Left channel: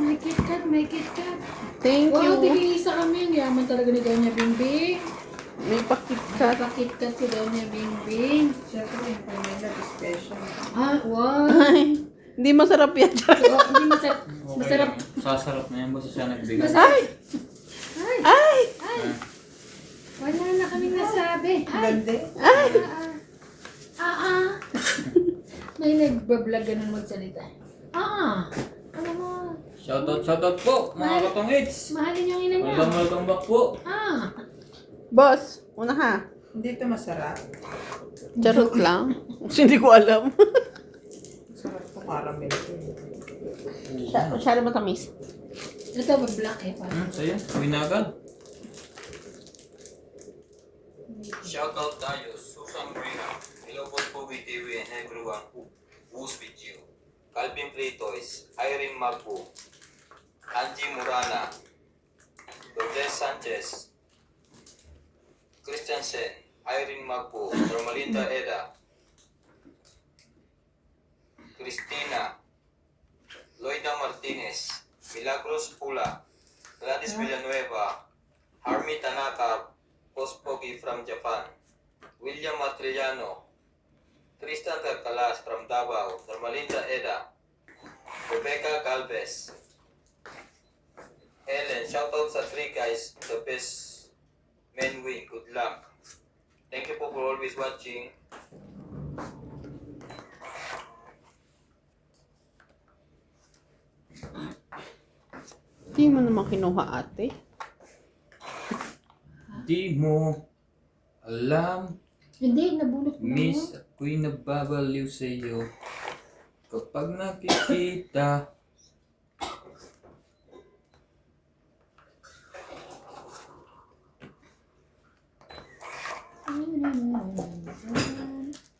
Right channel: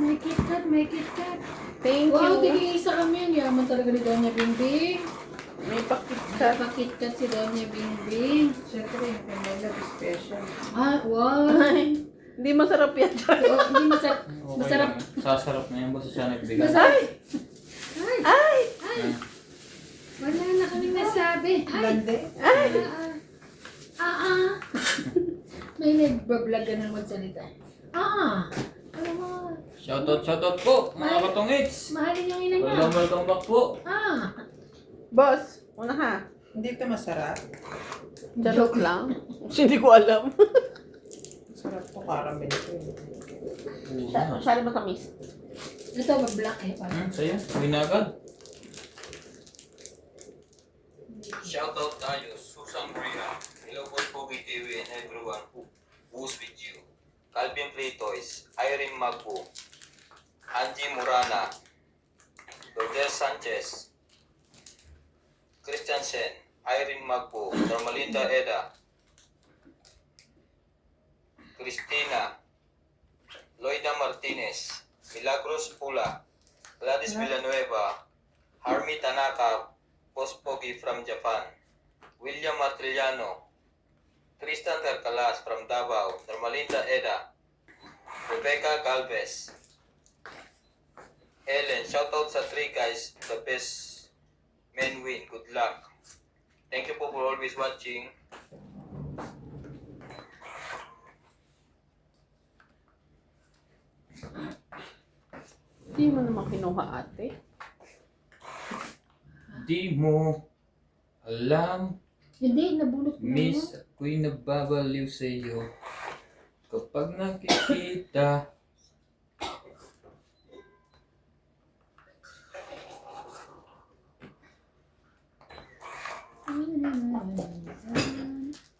May KitKat, may KitKat. Thank Wow, you. tig-iisa kami. Yaman talaga ni Doña Bingbing. May pakitkat. KitKat si Doña Bingbing. Siyempre, yung pamilya special. Ah, wow. Ay, hindi masarap yan. Oh, hindi masarap. Masarap. Sasarap na yan. Basta siya nagbigay. Masarap. Ay! Ay. Wala na kaming nasabi. Ay. Gande. May nagbablog ka ng magsalita. Ano mo? Shoutout po, mga katongits. Mahalin yung ina niya. Welcome back po. Boss, una ha. Hindi ito masarap. Charot lang. Hindi ko alam. Masarap ito caramel ito. Masyado matamis. Ito, mag-black eh. Sa'yo, uwi na agad. Shoutout tayo, Susan Graham. Hello po BTV and everyone who's with you. Calvin Platois, Irene Magbo, Angie Murana, Lourdes Sanchez, Christian Sen, Irene Magbo, Normalinda Eda, Cristina, Loida Martinez, Milagros Pula, Gladys Villanueva, Harmy Tanaka, Pospogi from Japan, William Matriliano, Tristan Carcalas from Davao, Normalinda Eda, Rebecca Galvez, Ellen, shoutout sa 3 guys, the best men win, good luck. Thank you po for always watching. Hindi mo naman kinuha ate. Di mo alam, Hindi, nabulot ko na miss, ako'y nababaliw sa iyo. Kapag nakikita,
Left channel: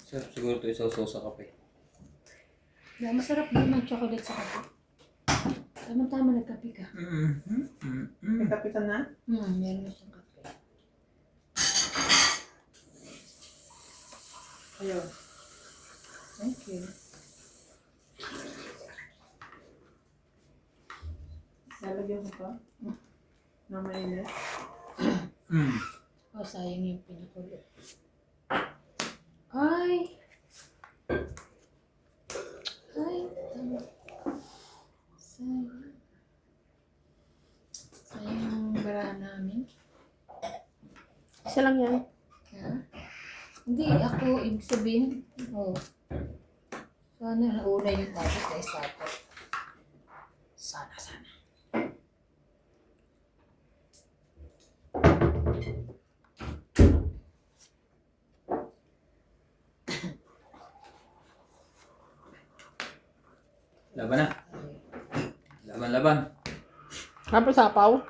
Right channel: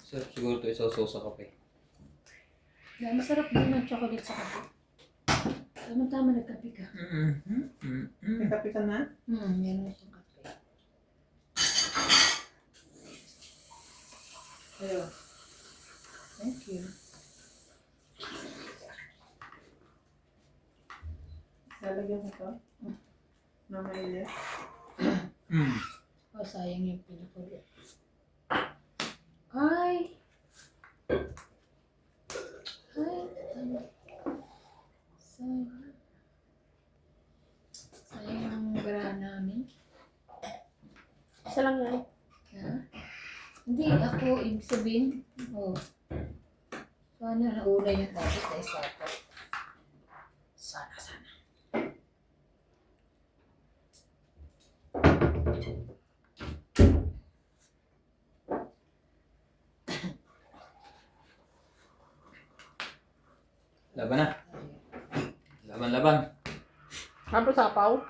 sarap siguro ito isaw-saw sa kape. Masarap din ang chocolate sa kape. Tama-tama nagkape ka. May kape ka na? Meron na siyang kape. Ayun. Thank you. Lalagyan ko pa. Na mainit. Oh, sayang yung pinakulit. Ay! Sayang. Sayang ang bara namin. Isa lang yan. Ha? Hindi, ako, ibig sabihin, sana nauna yung tapos na isapo. Sana. Laban na. Laban. Tapos sapaw.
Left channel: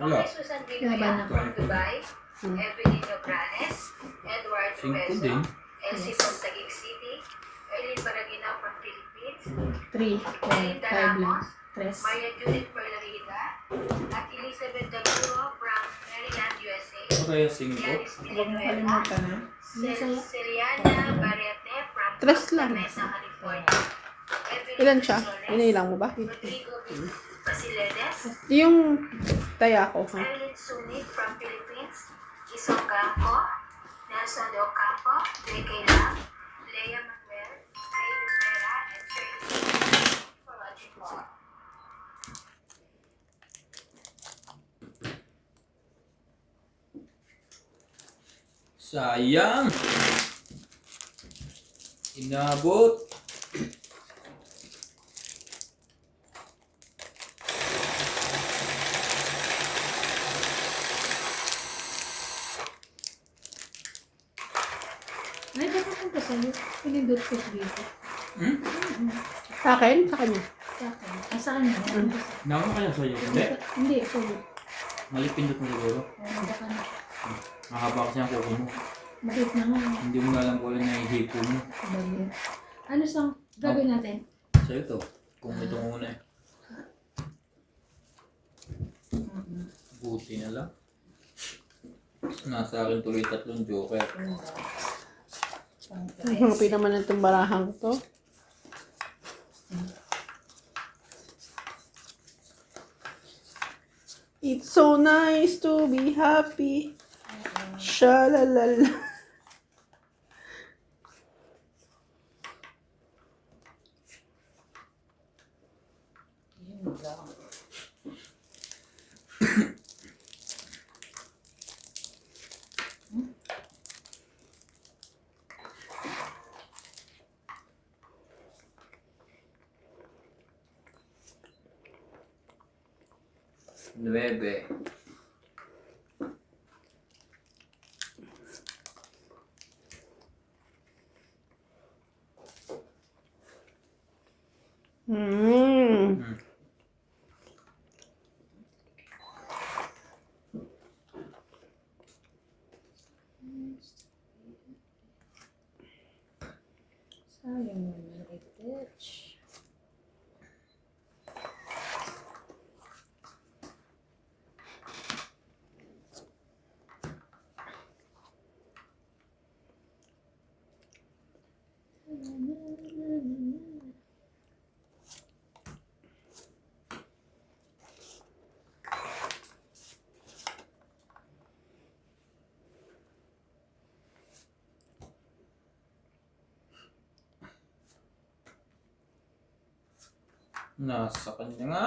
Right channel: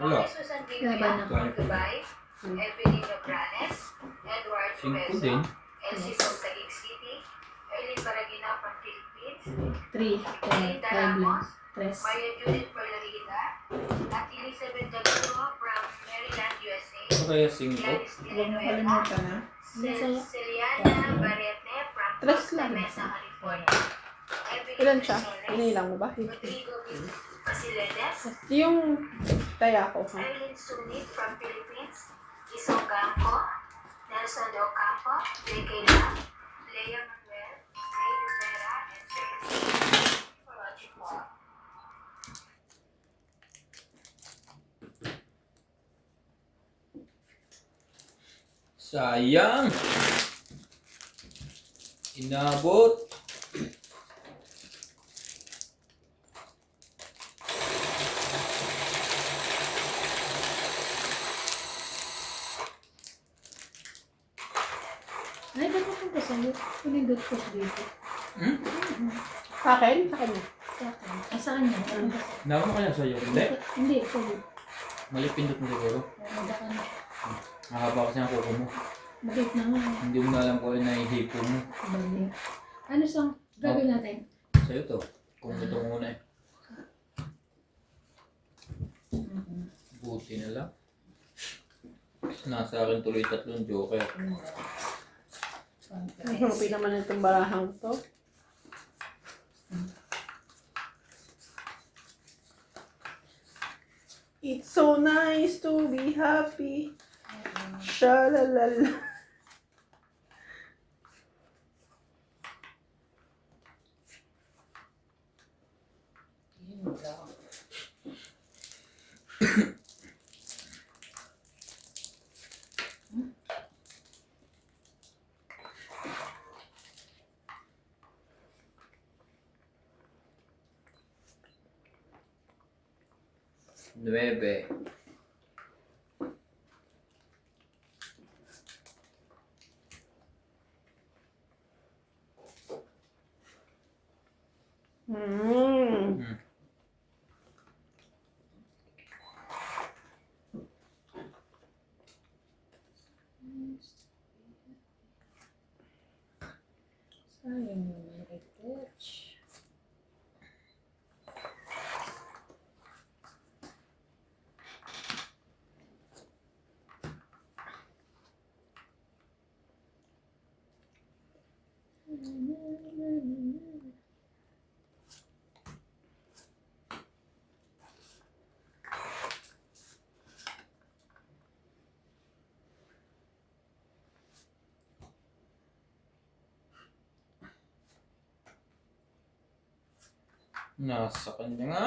Wala. Laban na. Dubai, Evelyn Nograles, Edward 5 Peso, din. Elsie from Taguig City, Eileen Baragina from Philippines, 3, 5 Elita lang. Ramos, 3. Maria Judith Perlarita, at Elizabeth Daguro from Maryland, USA, Ano kaya sing ko? Gladys Huwag mo Villanueva, kalimutan na. Celiana Barrete from Tres Costa lang. Mesa, California, Evelyn Ilan siya? Soles, Inilang mo ba? Rodrigo Basiledes, Yung taya ko. Marilyn Sumit from Philippines, Isong Campo, Nelson De Ocampo, J.K. Lam, Leia Manuel, Heidi Vera, and Shirley for watching po. Sayang! Inabot! Ay, dapat kong kasali. Pinindot ko dito. Sa akin? Sa kanya. Sa akin. Saan na? Naman mo kaya sa'yo? Hindi. Hindi, sorry. Malipindot mo siguro. Baka na. Mahaba kasi ang kuko mo. Bakit na nga. Hindi mo na alam kung ano na ihipo mo. Bali. Ano sang gagawin natin? Sa'yo to. Kung ito muna eh. Buti na lang. Nasa akin tuloy 3 joker. Happy naman itong barahang to. It's so nice to be happy. Shalalala. Yun lang. Nueve. Mm. Sayang naman i-touch. Nasa kanya nga.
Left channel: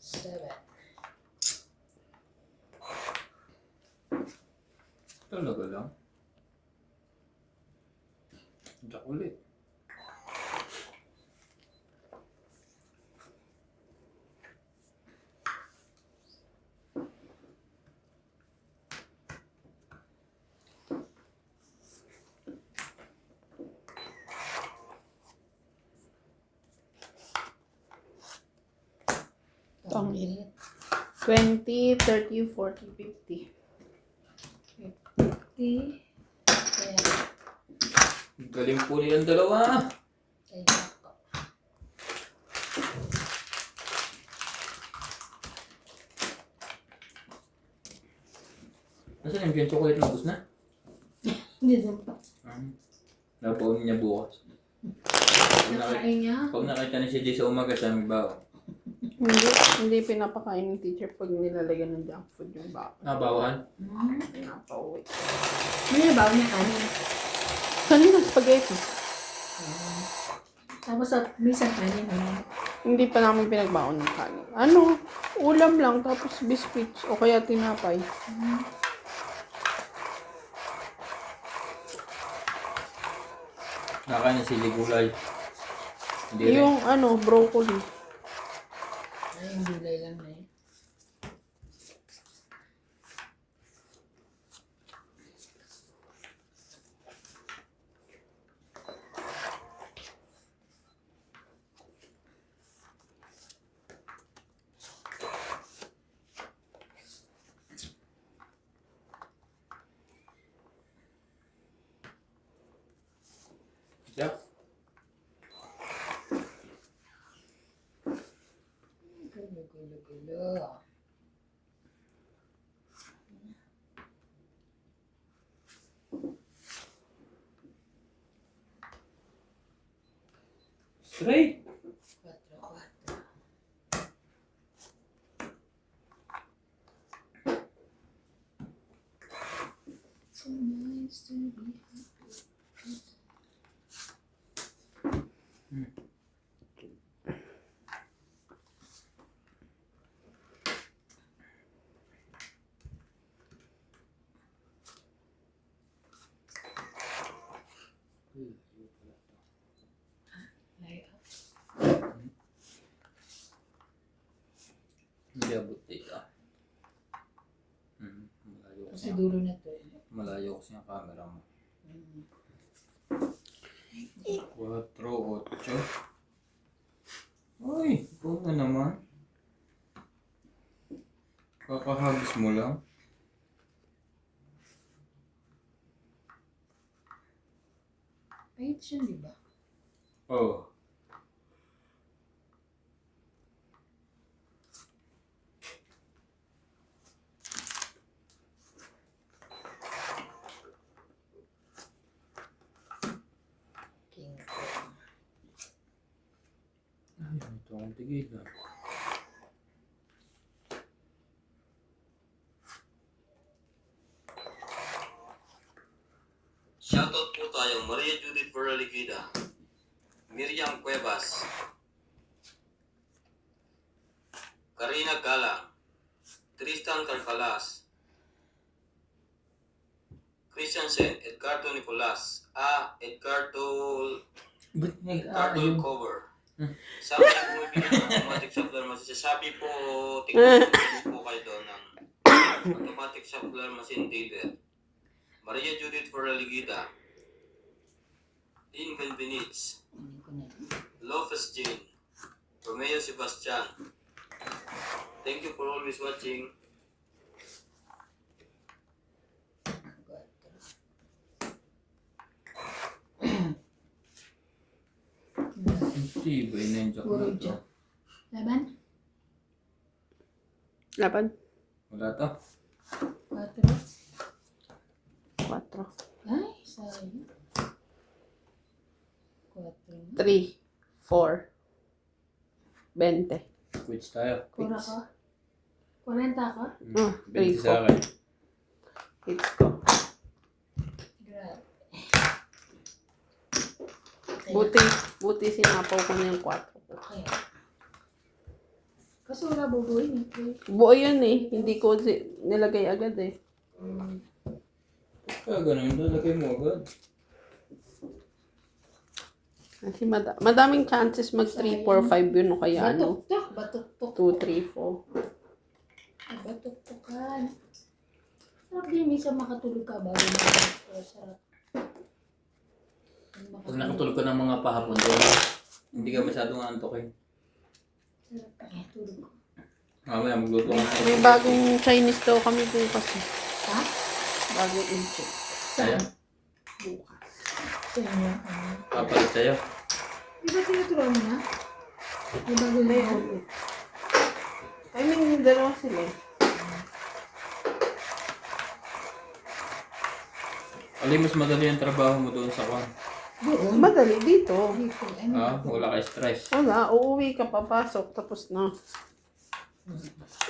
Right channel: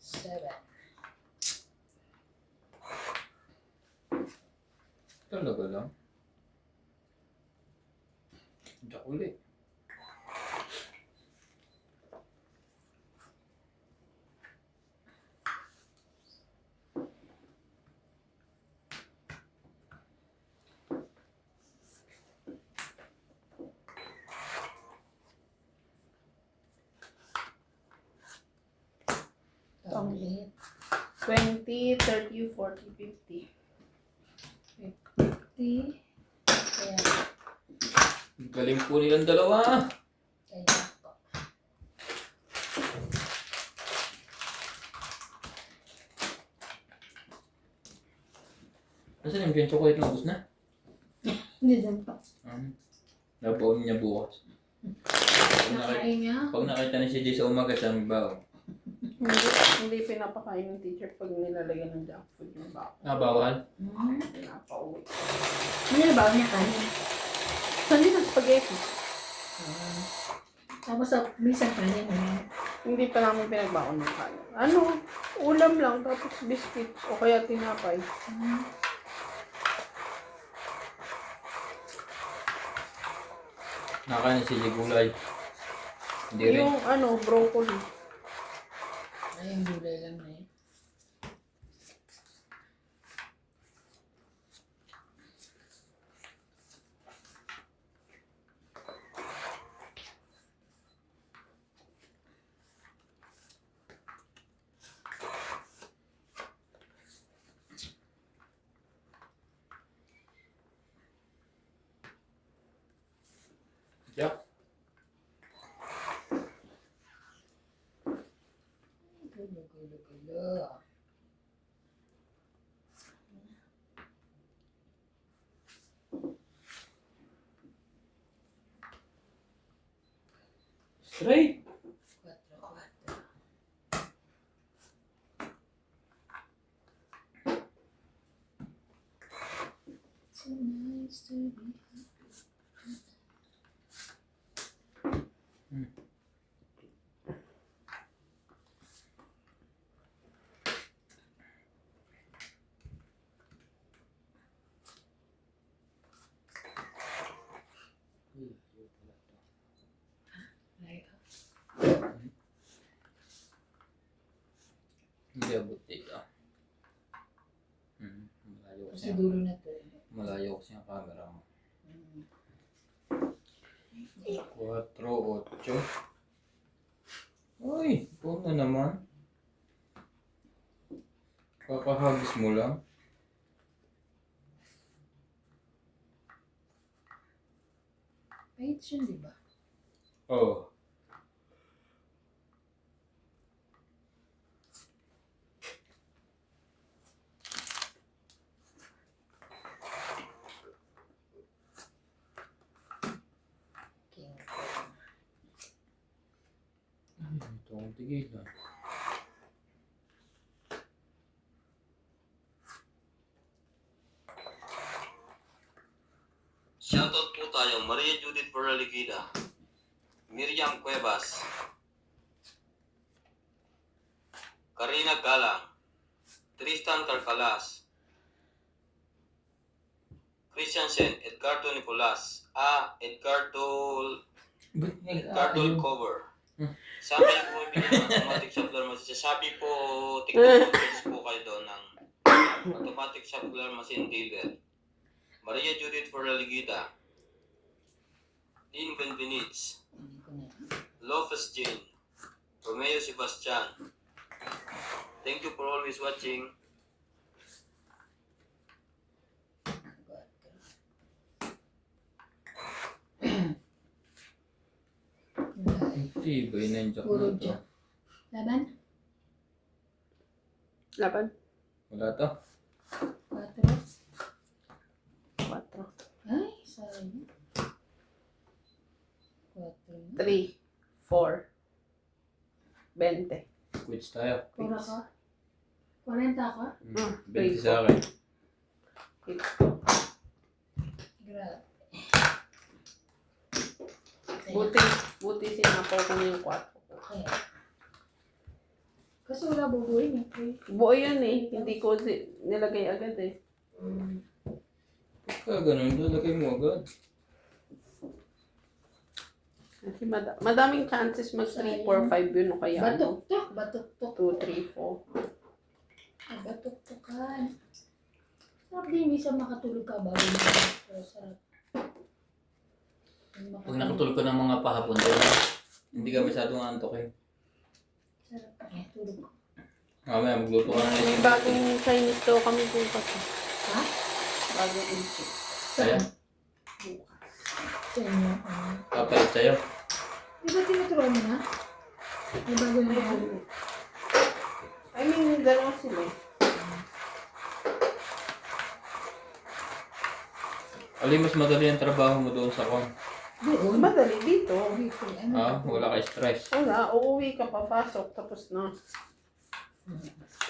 Seven. Talaga lang. Diyak ulit. Pangit. 20, 30, 40, 50. 50. Kaya, Galing po nilang dalawa. kaya ko. Nasaan yung chocolate na ubus na? Hindi din pa. Nabaon niya bukas. Nakain niya. Pag nakita na si Jay sa umaga, siya magbaon. Hindi pinapakain ng teacher pag nilalagyan ng junk food yung bako. Bawal? Pinapauwi. Ano na ba niya kanin? Saan yung spaghetti? Tapos sa minsan kanin. Hindi pa namin pinagbaon ng kanin. Ano? Ulam lang, tapos biscuits o kaya tinapay. Nakain si Ligulay. Hindi rin. Yung ano, broccoli. Ay, yung gulay lang na eh. Yeah. Gulo. Straight. 4. So nice to be happy. Lay up. Hindi abot dito. Malayo Kasi kasi. dulo na to. Malayo kasi ang camera mo. 4, 8. Uy, puto naman. Kakahagis mo lang. Pahit siya, di ba? Oh. Ay, ito akong tigilan. Shoutout po tayo Maria Judith Peraligida, Miriam Cuevas, Karina Galang, Tristan Carcalas, Christian Sen, Edgardo Nicolas, Edgardo Cover. Sabi po bibigyan ng automatic shuffler machine. Sabi po, TikTok po kayo doon ng automatic shuffler machine dealer. Maria Judith Peraligida, Dean Benvenitz, Lopez Jean, Romeo Sebastian. Thank you for always watching. Hindi, ba yun yung jack Puro na ito? jack. Laban? Laban. Wala to. 4. 4. Ay, sayang. 4. 3. 4. 20. Quits tayo. Pura ka? 40 ka? 20 sa akin. Hits ko. Grabe. Buti sinapaw ko na yung 4. Kaya. Kasi wala bubuhin eh. Buo yun eh. Hindi ko nilagay agad eh. Kaya ganun, lalagay mo agad. Kasi madaming chances mag 3, 4, 5 yun o kaya ano. Batok-tok. Batok-tok. 2, 3, 4. Batok-tokan. Sarap din minsan makatulog ka bago mo. Pero sarap. Pag nakatulog ko ng mga pahapon doon, hindi ka masyadong antok eh. Sarap eh. Tulog ko. Mamaya magluto ka na. May bagong Chinese daw kami bukas eh. Ha? Bagong intro. Ayan, Sa inyo. kapalit sa'yo. Di ba tinuturuan mo na? May bago na yan. I mean, dalawa sila eh. Alin mas madali ang trabaho mo doon sa kwan? Doon. Madali dito. Dito. Ano? Wala ka stress. Wala, uuwi ka, papasok, tapos na.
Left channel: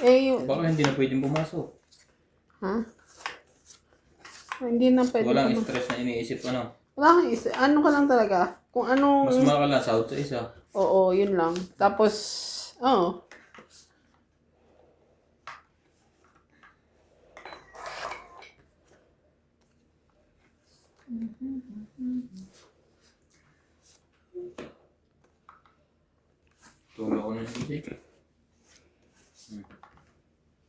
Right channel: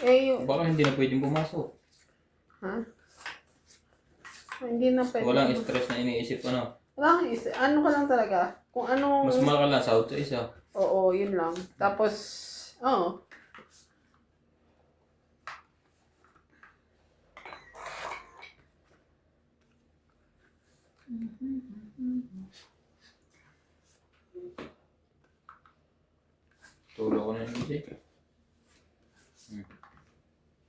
Eh, yung... Baka hindi na pwedeng pumasok. Ha? Hindi na pwede. Walang stress na iniisip ano. Wala kang isa. Ano ka lang talaga? Kung anong... Mas mahal ka lang sahod sa isa. Oo, yun lang. Tapos, oo. Tulog ko na yung music.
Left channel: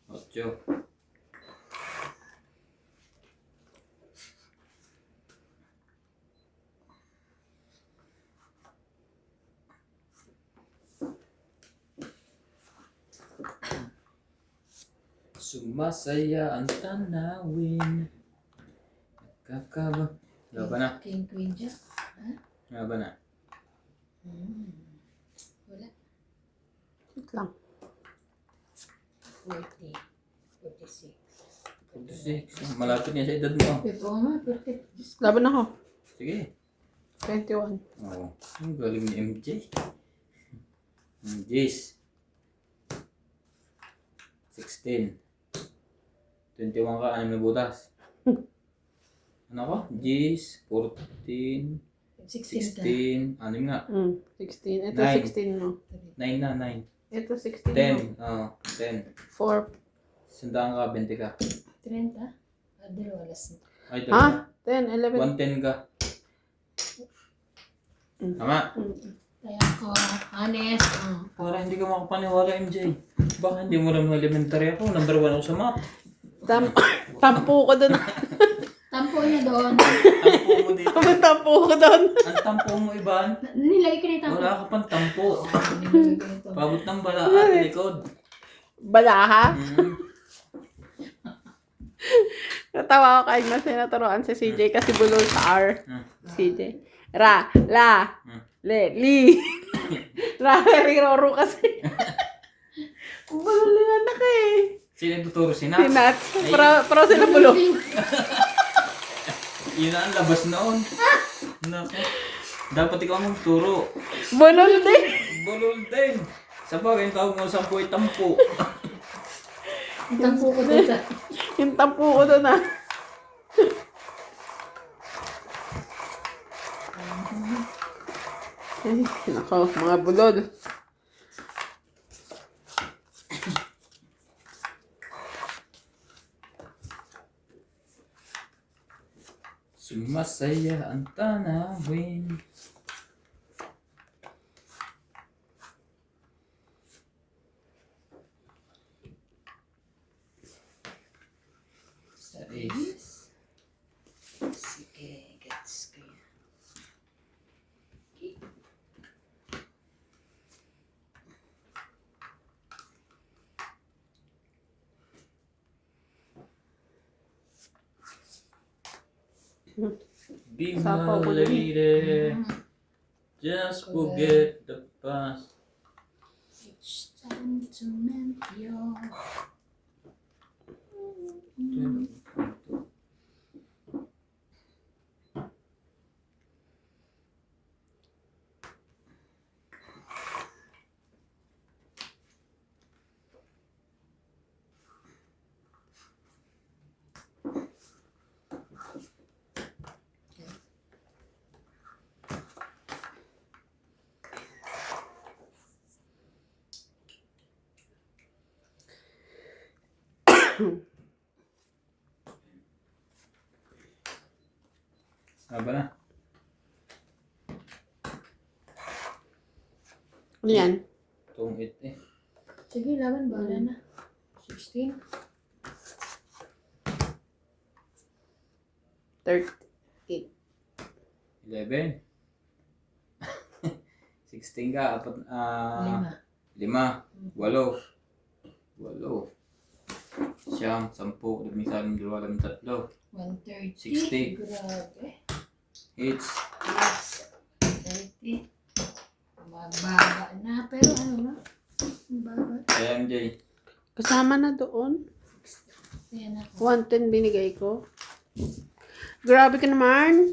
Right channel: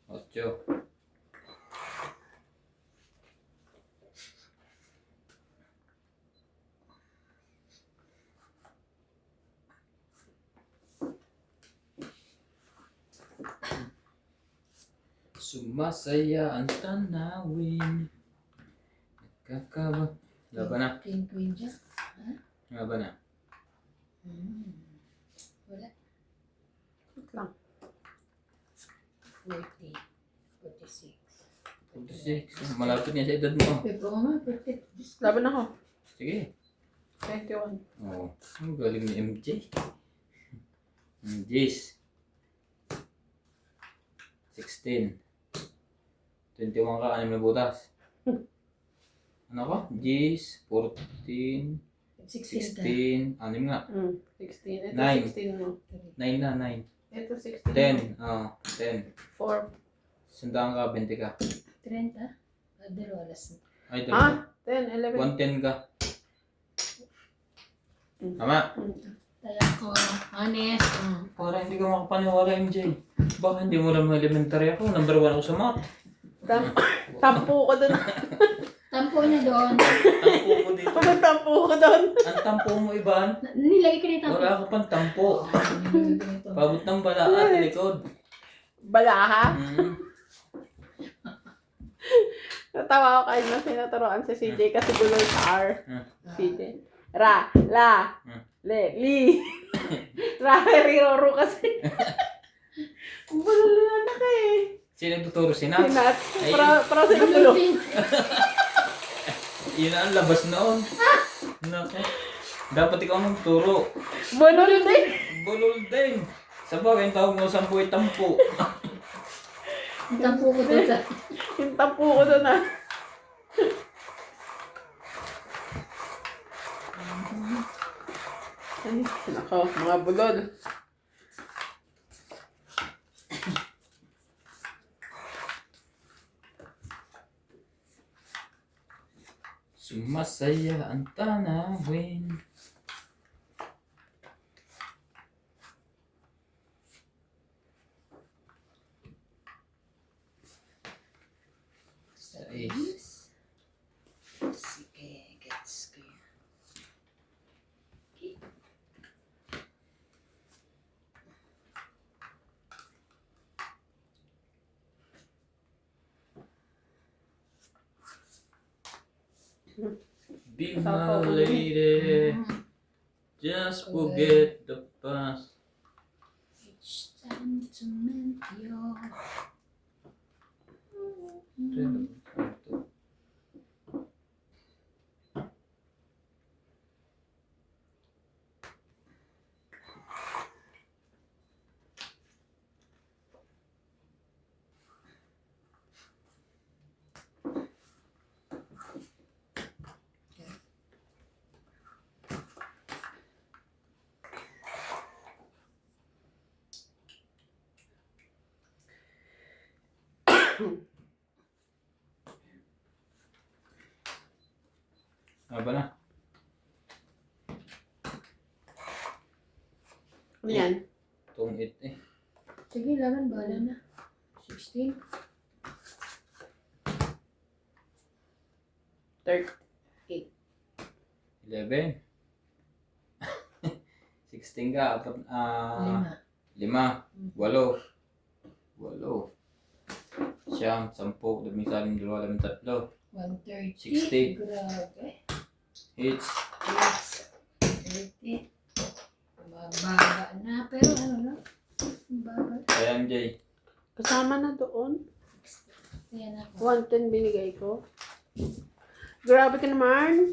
8. Sumasaya ang tanawin. Nagkakaba. Laban na. King Queen Jack. Laban na. Wala. Wait lang. 40. 46. 46. Malapit niya sa edad mo. Pepo nga ma. Perfect. Laban ako. Sige. 21. Oo. Ang galing ni MJ. Jis. 16. 21 ka, 6 na butas. Ano ko? Jis, 14, 16 ka. 16, 6 nga. 16. Ito Nine. 16 mo. 9 na, 9. Ito 16 10, mo. 10. 4. Sandaan ka, 20 ka. 30. Dalawa alas. Ay, Ah, 10, 11. 110 ka. Tama. Kaya ko, honest. Para hindi ka makapaniwala, MJ. Baka hindi mo lang elementary ako. Number 1 ako sa math. Tampo ko doon. Tampo niya doon. Tampo mo dito. Tampo ko doon. Ang tampo mo, Iban. Nilagay ko na yung tampo. Wala ka pang tampo. Nilagay ko na ito. Pabot ng bala at likod. Balaha. Mm. Natawa ko kahit na sinaturoan si CJ kasi gulong sa R. CJ. Ra, la, le, li. Ra, riroro kasi. Ang gulong na anak eh. Sino yung tuturo? Sinat? Sinat. Ay. Pro sila gulong. Yun na ang labas noon. Naku. Dapat ikaw ang magturo. Bonol din. Bulol din. Sabaw, yung tawag mo 10 tampo. Ang tampo ko doon. Yung tampo ko doon ah. Ay, nako, mga bulol. Sumasaya ang tanawin. Sais. Sige, gets ko yan. Be my lady. Just forget the past. It's time to mend your... Aba na. Ano yan? Tungit eh. Sige, laban, bala na. 16. 30. 11. 16 ka. 5. 8. 9, 10, 10, 11, 12, 13. 130. 60. Grabe. Hits. 30. Mababa na. Pero ano na? Mababa. Kaya MJ. Kasama na doon. Ayan ako. 110 binigay ko. Grabe ka naman.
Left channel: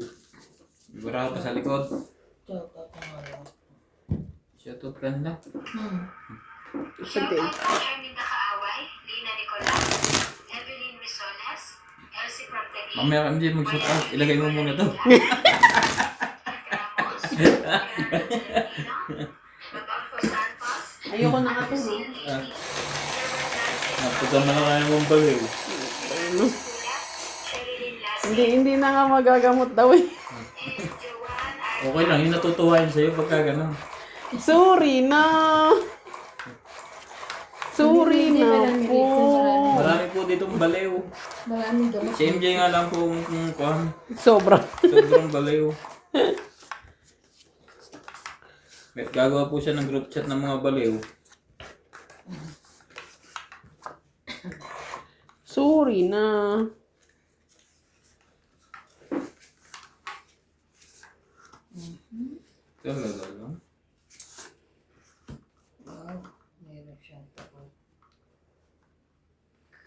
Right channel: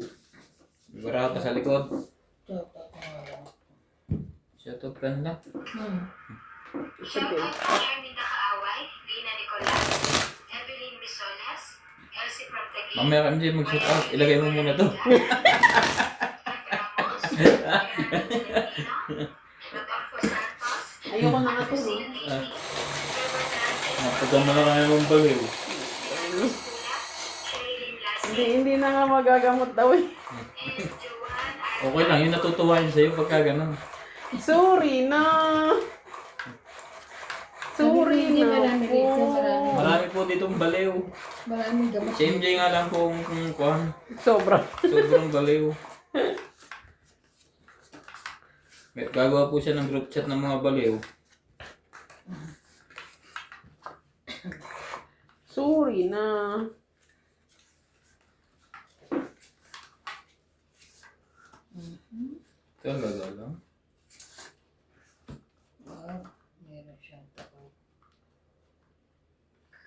Sigurado pa sa likod. Ito. Shut up ka na. Sabi. Shoutout kay Erminda Kaaway, Lina Nicolas, Evelyn Risoles, Elsie from Taguig, Mamaya ka MJ mag-shut up. Ilagay mo muna to. Ramos, Rodolfo Santos, Ayoko na nga to. Lucille Lacey, Trevor Francis, Napagama na kami mong baliw. Ernest Pula, Sherilyn Lassie, Hindi na nga magagamot daw eh. and Joanne Okay lang, yung natutuwain sa'yo pagka gano'n. Sorry na. Sorry Hindi, na marami po. dito, marami. Marami po ditong baliw. Maraming gamot. Si MJ nga lang po kung kuhan. Sobra. Sobrang baliw. Gagawa po siya ng group chat ng mga baliw. Sorry na. Talaga lang. Wow. Meron siyang tao.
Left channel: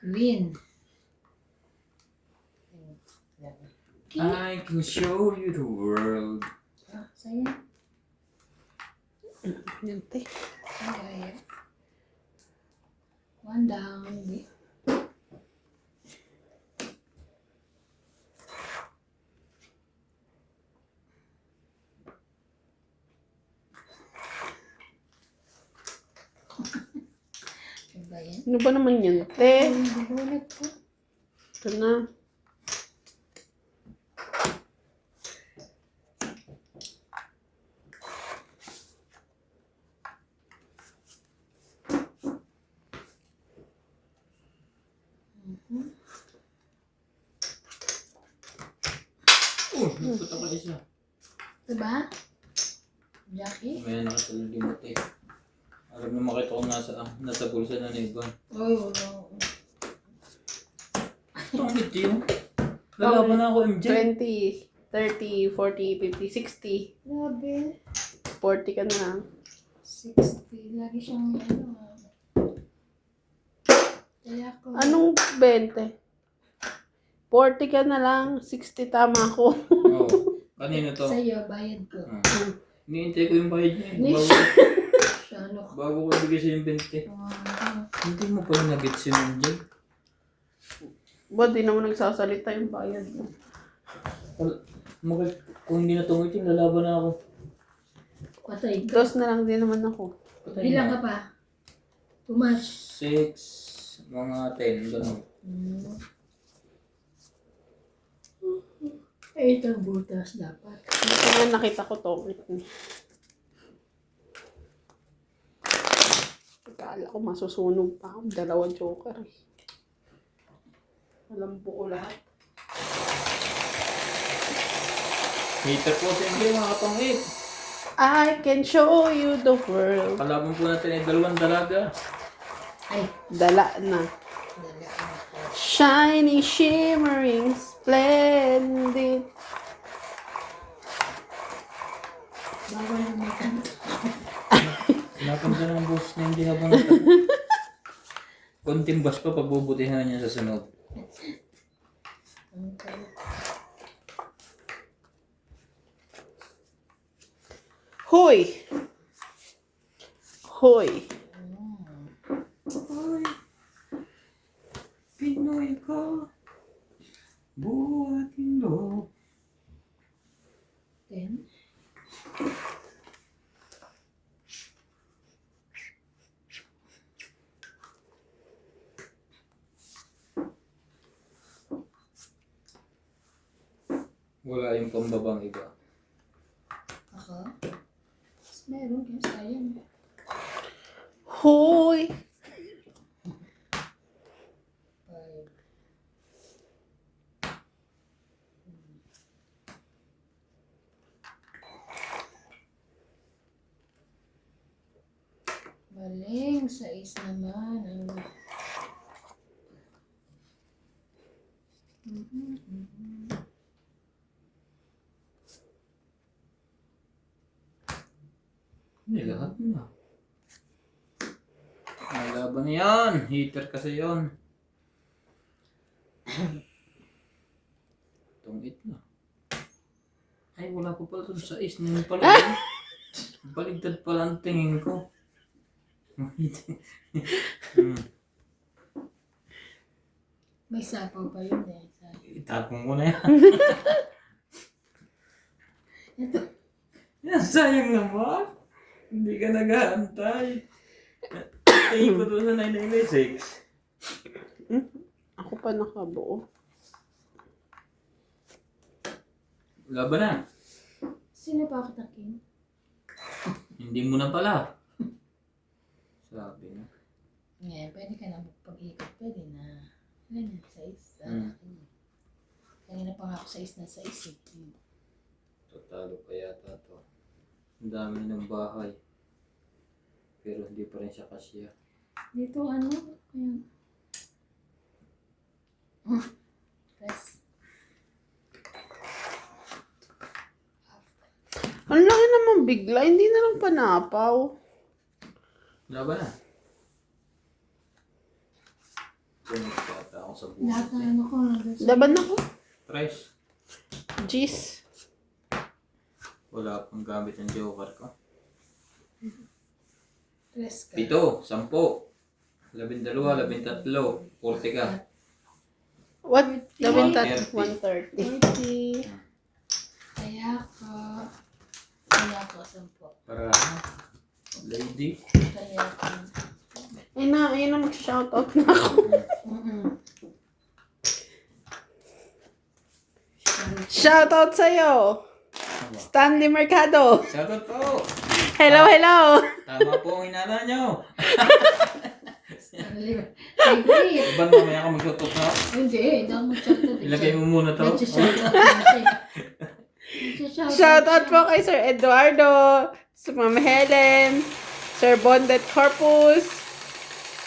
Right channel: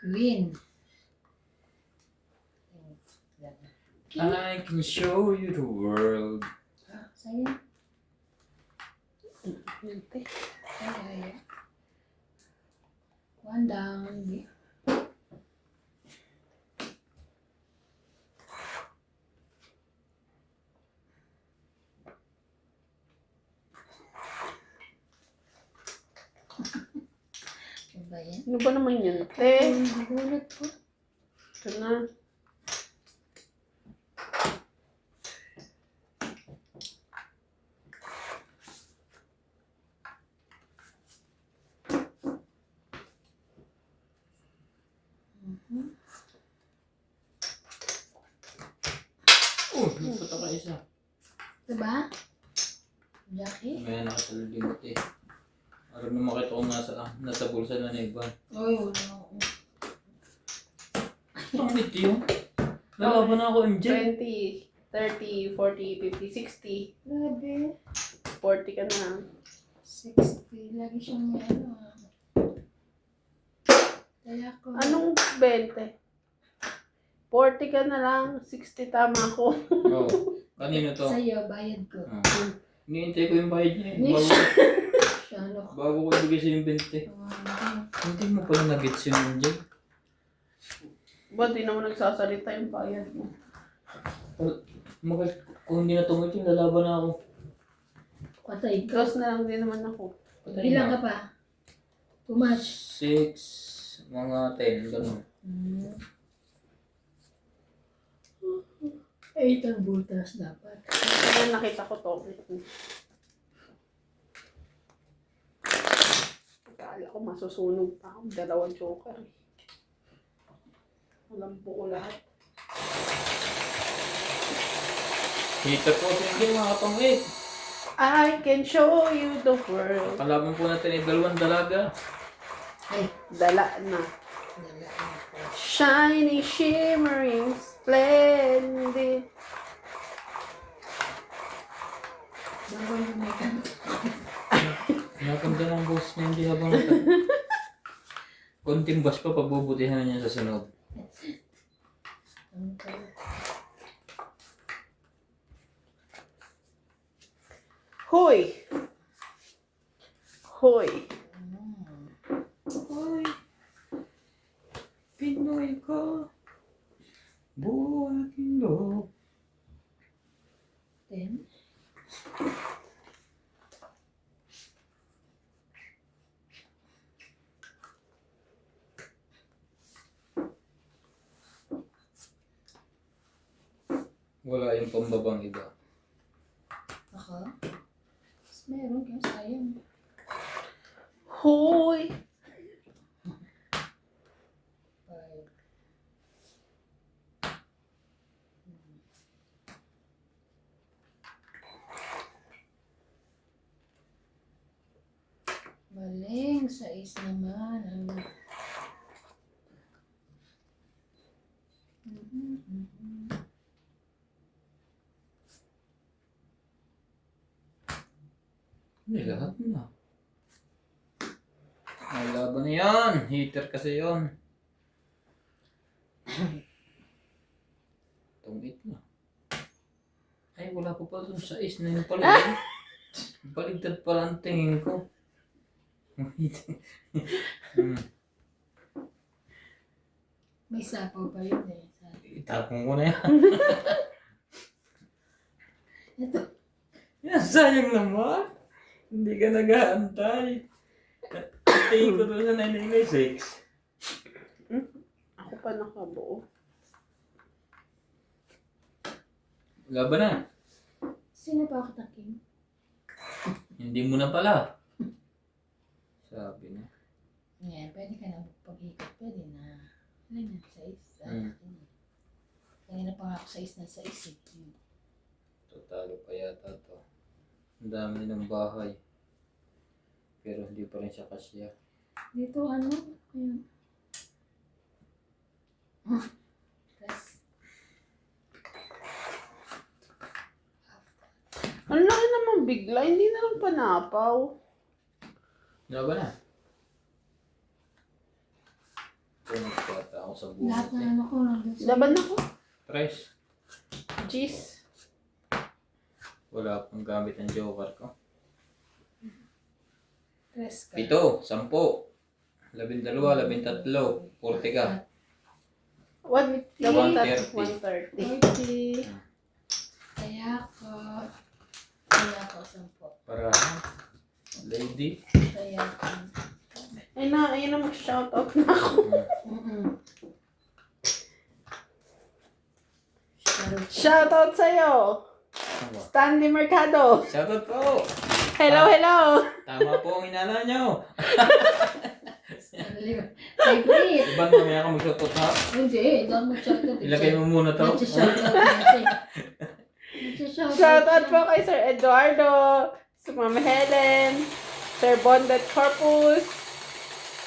Queen. I can show you the world. Sa'yo. Yan, te. Ay. One down. Ano ba yan? Ano ba naman yan, te? Nagulat ko. Ito na. Nagpunta ka isa. Diba? Jackie? May nakatalimot eh. Alam na makita ko nasa bulsa na ni Ivan. Ay, wala. Tungit yun. Lalaban na ako MJ. 20, 30, 40, 50, 60. Grabe. 40 ka na. 60. Lagi siyang may ano. Kaya ko. Anong 20? 40 ka na lang. 60 tama ko. Oo. Kanino to? Sa'yo, bayad ko. Iniintay ko yung bayad niya. Next. Bago. ano ko. Bago ko ibigay sa yung 20. Hindi mo pala nag-gets yun, MJ. Ba, di naman nagsasalita yung bayad mo. Kung hindi na tumit yung lalaban na ako. Patay ka. Close na lang din naman ako. Patay Bilang na. ka pa. Too much. 6, mga 10, gano'n. 8 ang butas dapat. Kaya nakita ko to. Akala ko masusunog pa ako. Dalawang joker. Alam po ko lahat. Hater po, MJ, mga katong 8. I can show you the world. Kalaban po natin ay 2 dalaga. Ay, Dala na. nalaan ko. Shiny, shimmering, splendid. Bawal yung may tanong. Sinakanda ng boss niya yung ginabang natin. Konting bas pa, pabubutihan niya sa sunod. Hoy! Hoy! Hoy, Pinoy ka, buhat Indo. 10. Wala yung pambabang iba. Ako? Mas meron kaya sayang. Hoy! 5. Maling, 6 naman. Ano? Hindi, lahat na. Ang laban na yan. Hater kasi yon. Tungit na. Ay, wala pa pala dun sa is na yung pala. Baligtad pala ang tingin ko. May sapaw pa yun eh. Itapong ko na yan. Ito. Yan, sayang naman. Hindi ka nag-aantay. Tingin ko doon sa 996. Ako pa nakabuo. Laban na. Sino pa ako taking? Hindi mo na pala. Sabi na. Ngayon, pwede ka na pag-ikot. Pwede na. Ano na, 6? Kanina pa nga ako 6 na 6 eh. Tatalo pa yata to. Ang dami ng bahay. Pero hindi pa rin siya kasya. Dito ano? Ayan. Press. Ang laki naman bigla. Hindi na lang panapaw. Laban na. Punod pa ata ako sa Lahat buhay. na ano ko nandun sa... Laban ako. Press. Jeez. Wala pang gamit ng joker ko. Press ka. 7, 10, 12, 13, 40 ka. What? Laban tat 130. 130. 40. Kaya ko 10. Para lady. Kaya ko. Ayun na mag-shoutout na ako. Shoutout sa'yo. Stanley Mercado. Shoutout po. Hello, hello. Tama po ang hinala nyo. Hindi. Iban mamaya ka mag-shoutout ha. Hindi. Dahil mag-shoutout. Ilagay mo muna to. Mag-shoutout na siya. Shoutout po kay Sir Eduardo, sa Ma'am Helen, Sir Bondet Corpus,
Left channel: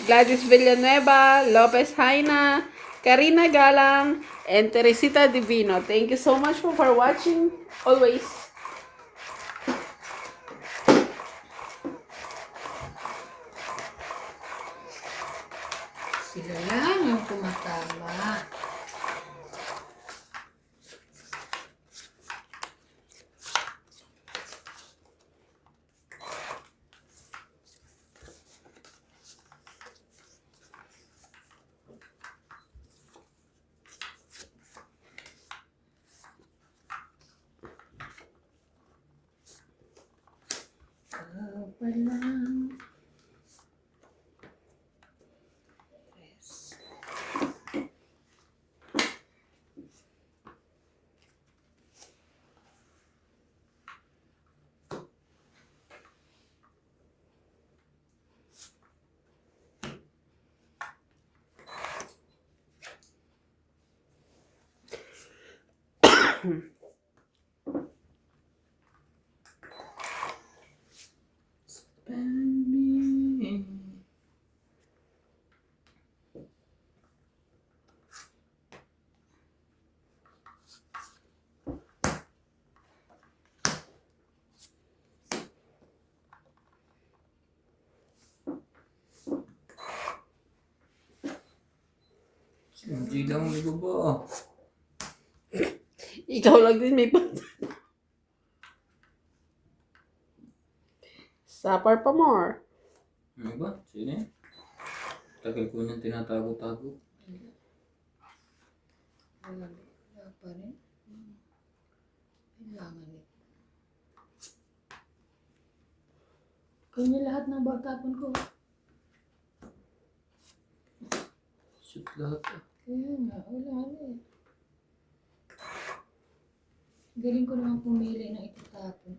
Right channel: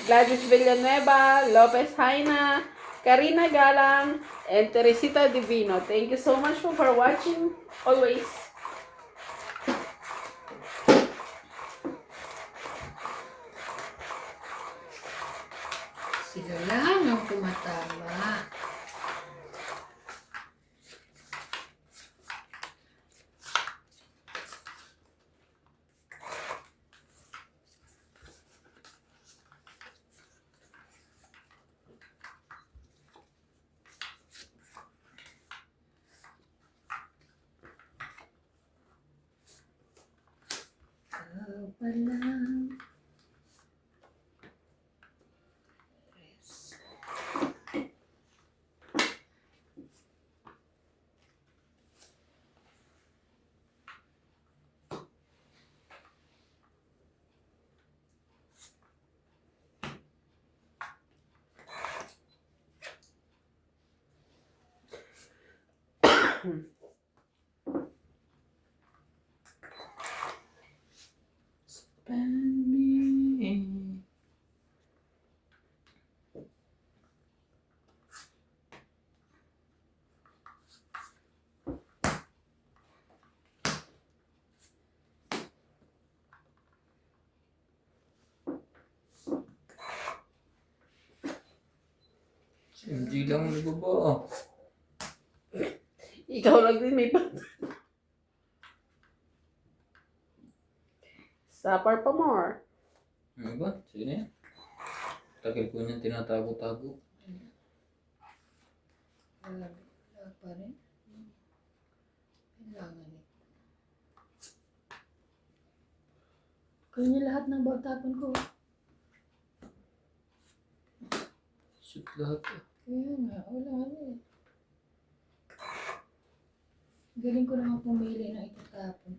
Gladys Villanueva, Lopez Haina, Karina Galang, and Teresita Divino. Thank you so much for watching. Always. Sila lang ang tumatama. pa lang. Tres. Spend me. Hindi lang may baba. Ikaw lang din may Supper pa more. Ano ba? Sige na yan. Tagal ko niyan tinatago-tago. Wala pa rin. Kailangan ito. Kanya lahat ng bagtapon ko. Shoot lahat. Kaya nga, wala eh. Galing ko naman pumili na itatapon.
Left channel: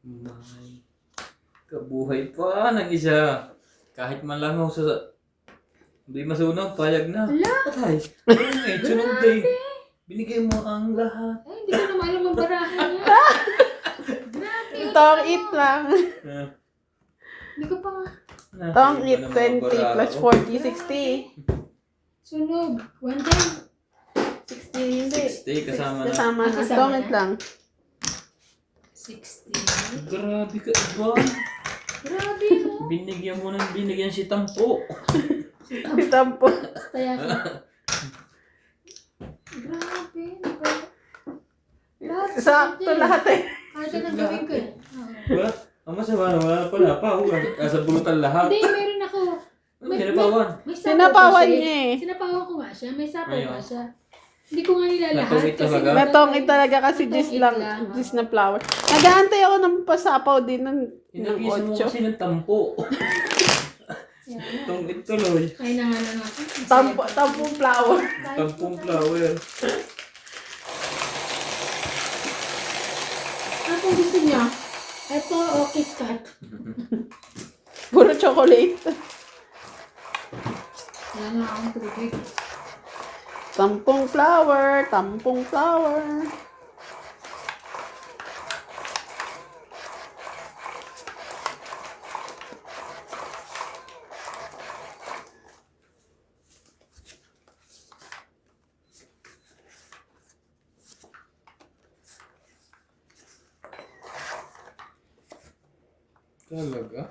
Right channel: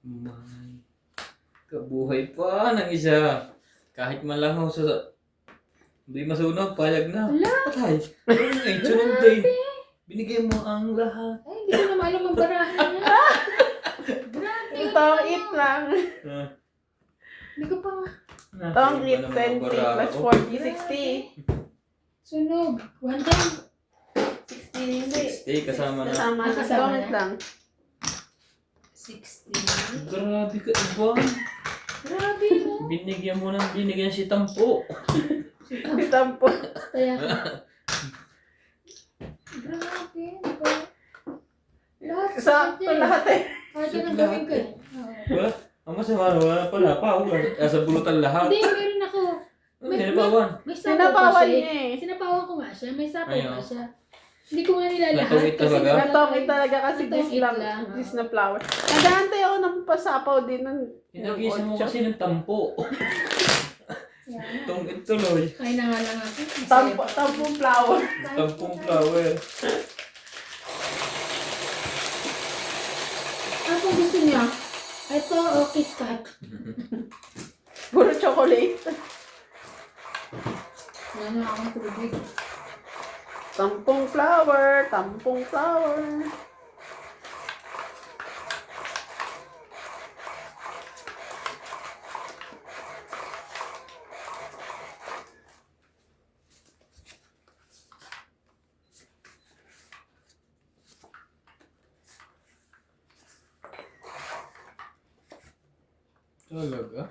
May kabuhay pa ng isa. Kahit man lang ako sa... Hindi masunog, payag na. Wala! Patay. Ano nga, sunod din. Binigay mo ang lahat. Ay, hindi ko naman alam ang barahan niya. Grabe. Tong it lang. Hindi ko pa nga. Tong it 20 plus 40, 60. Sunog. One time. 60, hindi. Stay kasama na. Kasama na. Kasama Tong it na. lang. 60. Grabe ka iba. Grabe no. Binigyan mo ng binigyan si Tampo. Tampo. Kaya ka. Grabe. Ano ba? Lahat. Sakto lahat eh. Kahit yan ang gawin ko. Oo. Diba? Ang masama na wala pala pa. Sa bulutan lahat. Hindi, meron ako. Ano, sinapawan? May sapaw Sinapawan pa siya. niya eh. Sinapawan ko nga siya. May sapaw Ayaw. pa siya. Hindi ko nga nilalahat. Natungit talaga? Natong it talaga kasi Natong dis it lang. lang, Dis oo. na flower. Nag-aantay ako ng pasapaw din ng Hinagisa mo 8. kasi ng Tampo. Yan. Tungit tuloy. Kaya na nga lang ako. Tampong flower. Tampong flower. Ano kung gusto niya? Ito o KitKat. Puro chocolate. Yan ang ang tubig. Tampong flower. Tampong flower. Talaga?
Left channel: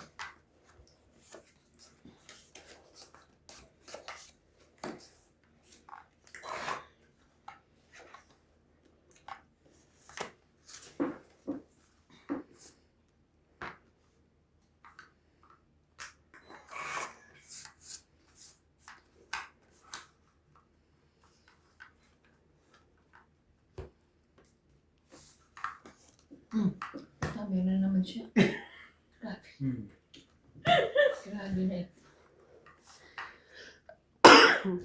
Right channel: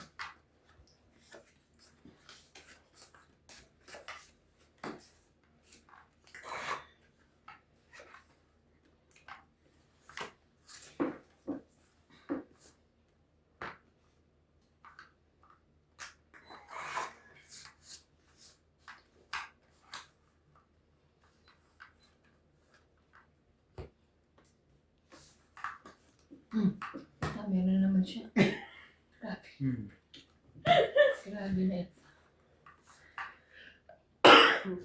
Meron na naman siya. Grabe. Grabe na ito.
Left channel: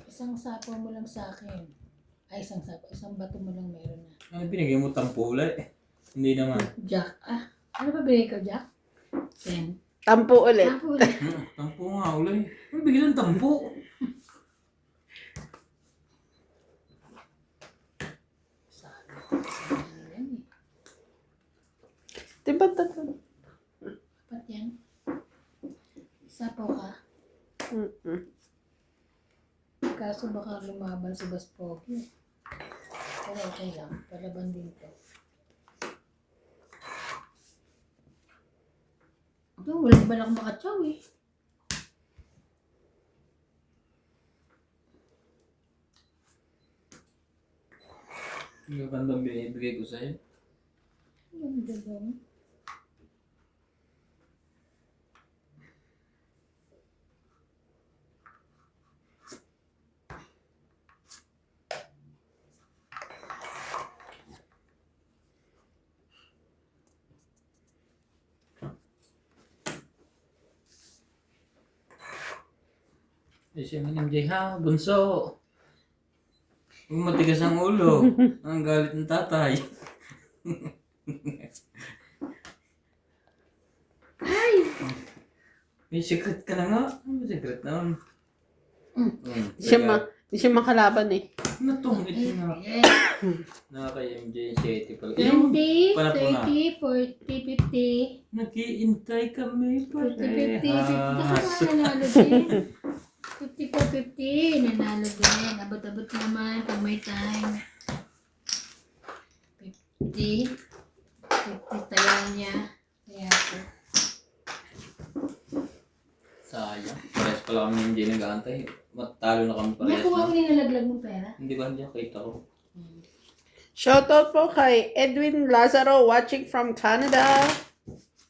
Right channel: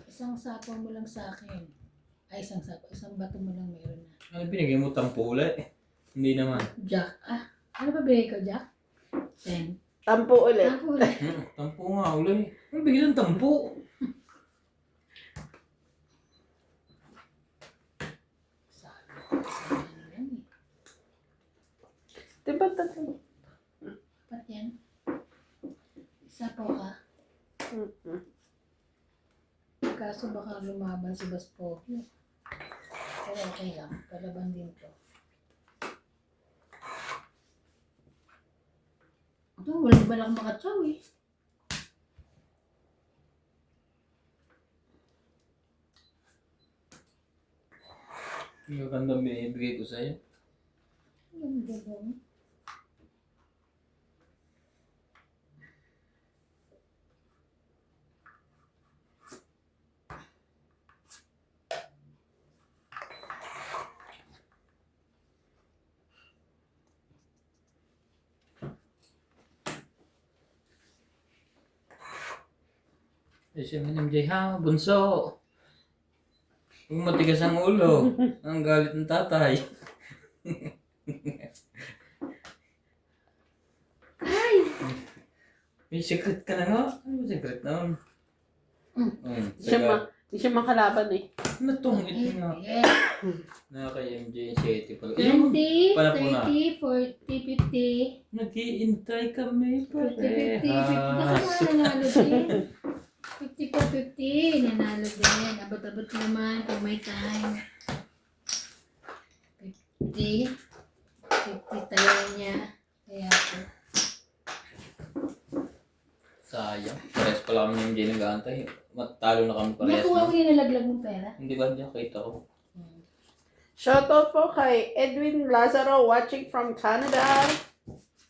Isang sapo mo lang sa akin. Ay, isang sapo. Isang bato mo lang meron na. Ano binigay mo Tampo ulit? Hindi naman. Jack. Ah, ano ba binigay ko, Jack? 10. Tampo ulit. Ako ulit. Tampo nga ulit. Ano bigyan ng Tampo? Sana yan eh. Diba tatlo? Apat yan. Sapo ka. Kaso baka lumaban si Baspogi. Pero okay lang. Palaban din to. Ito, walang balak makatsaw eh. Ang ganda binibigay ko sa'yo. Ang ganda ba? Eh, siya man MJ, ha? Bunso. Huwag matigas ang ulo. Ang galit ng tatay. Ay! May secret ka na nga. Ano ba secret na? Di siya makalaban eh. Natong ito nga. Yeah. Nakaka-MJ 7 pala. Ayun, 20, pala po na. 30, 40, 50. Nag-iintay kami 50, 50, 50. parehas. Nanalo din. 50 50. Nanalo din. Abot-abot naman pag may time. 50. 50 tayo niya. Kaya po. Sayang. Parehas pala kami ng MJ nag-aantay. Matalo na kami parehas Nakuha mo na. nilalaglag mong pera? Hindi ba niya kita ko? Shoutout po kay Edwin Lazaro watching from Canada.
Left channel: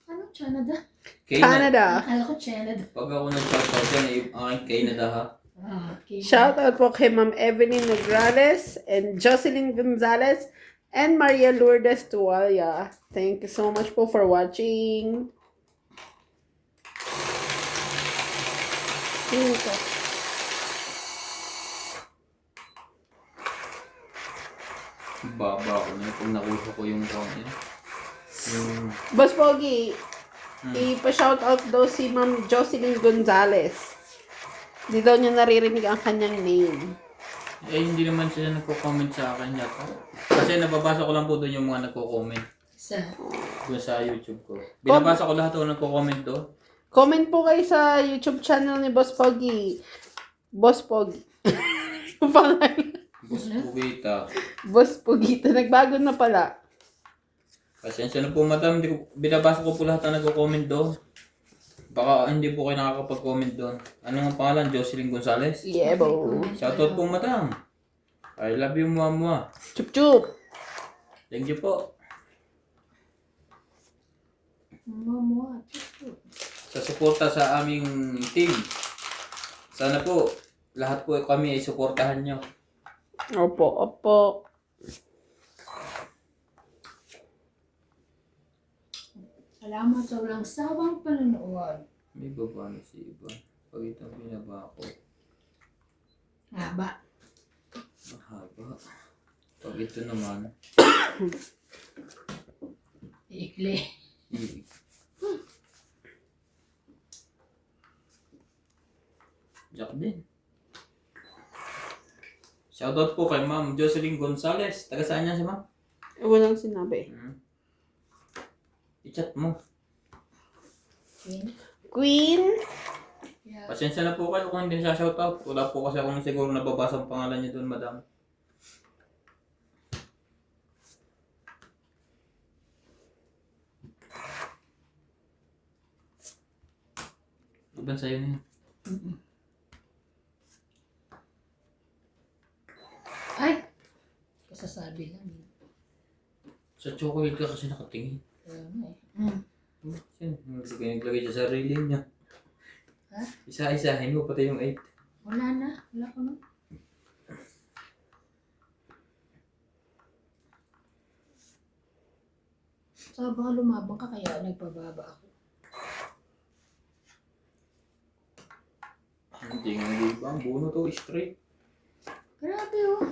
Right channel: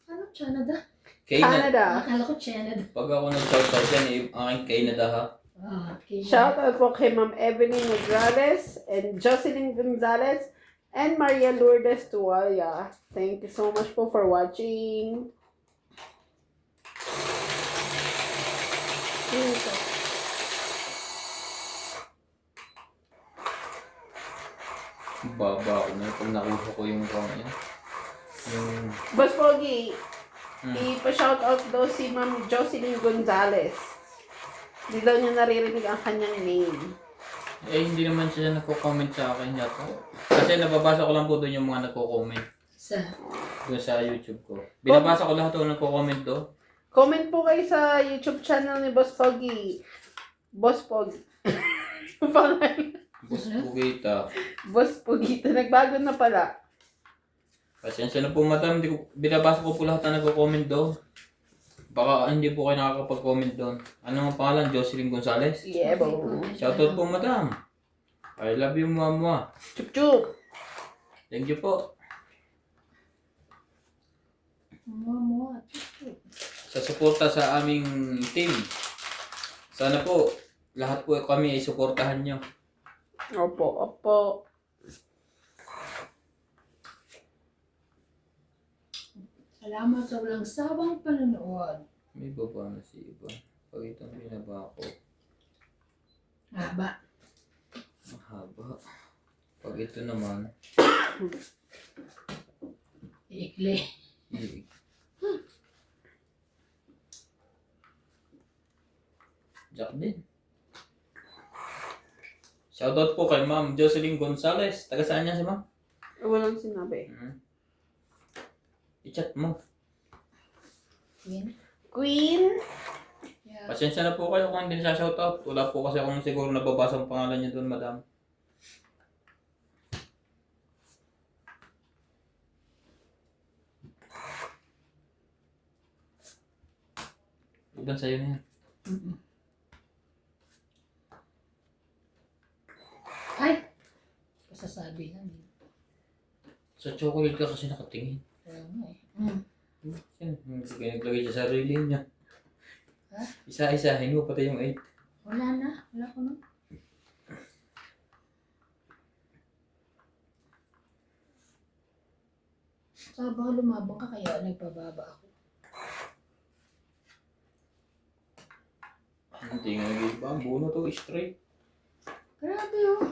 Ano? Canada? Canada. Akala ko Canada. Pag ako nag-shoutout yan, eh, aking Canada ha. Ah, okay. Shoutout po kay Ma'am Evelyn Nograles and Jocelyn Gonzalez and Maria Lourdes Tualia. Thank you so much po for watching. Baba ako na pag nakuha ko yung phone niya. Yung... Boss Pogi, ipa-shoutout daw si Ma'am Jocelyn Gonzalez. Hindi daw niya naririnig ang kanyang name. Eh, hindi naman siya nagko-comment sa akin yata. Kasi nababasa ko lang po doon yung mga nagko-comment. Sa Doon sa YouTube ko. Binabasa ko lahat ng nagko-comment doon. Comment po kayo sa YouTube channel ni Boss Pogi. Boss Pogi. Yung pangalan. Boss Pugita. Boss Pogita. Nagbago na pala. Pasensya na po madam, binabasa ko po lahat ng nagko-comment doon. Baka hindi po kayo nakakapag-comment doon. Ano ang pangalan? Jocelyn Gonzalez? Yeah, bo. Shoutout po madam. I love you mama. Chup chup. Thank you po. Mamo. Sa suporta sa aming team. Sana po, lahat po kami ay suportahan nyo. Opo, opo. Salamat sa walang sawang panonood. May baba na si iba. Pag itong binaba ko, Haba. mahaba. Pag ito naman, Ikli. Jack din. Shoutout po kay Ma'am Jocelyn Gonzalez. Taga saan niya si Ma'am? Walang sinabi. I-chat mo. Queen. Queen. Yeah. Pasensya na po kayo kung hindi siya shoutout. Wala po kasi akong siguro nababasa ang pangalan niya doon, madam. Iban sa'yo na yan. Ay! Kasasabi lang. Sa chocolate ka kasi nakatingin. Kaya nga eh. Naglagay siya sa sarili niya. Ha? Isa-isahin mo pati yung 8. Wala na. Wala ko na. So, baka lumabang ka kaya nagpababa ako. Hindi nga nag-iba. Ang buno to straight. Grabe oh.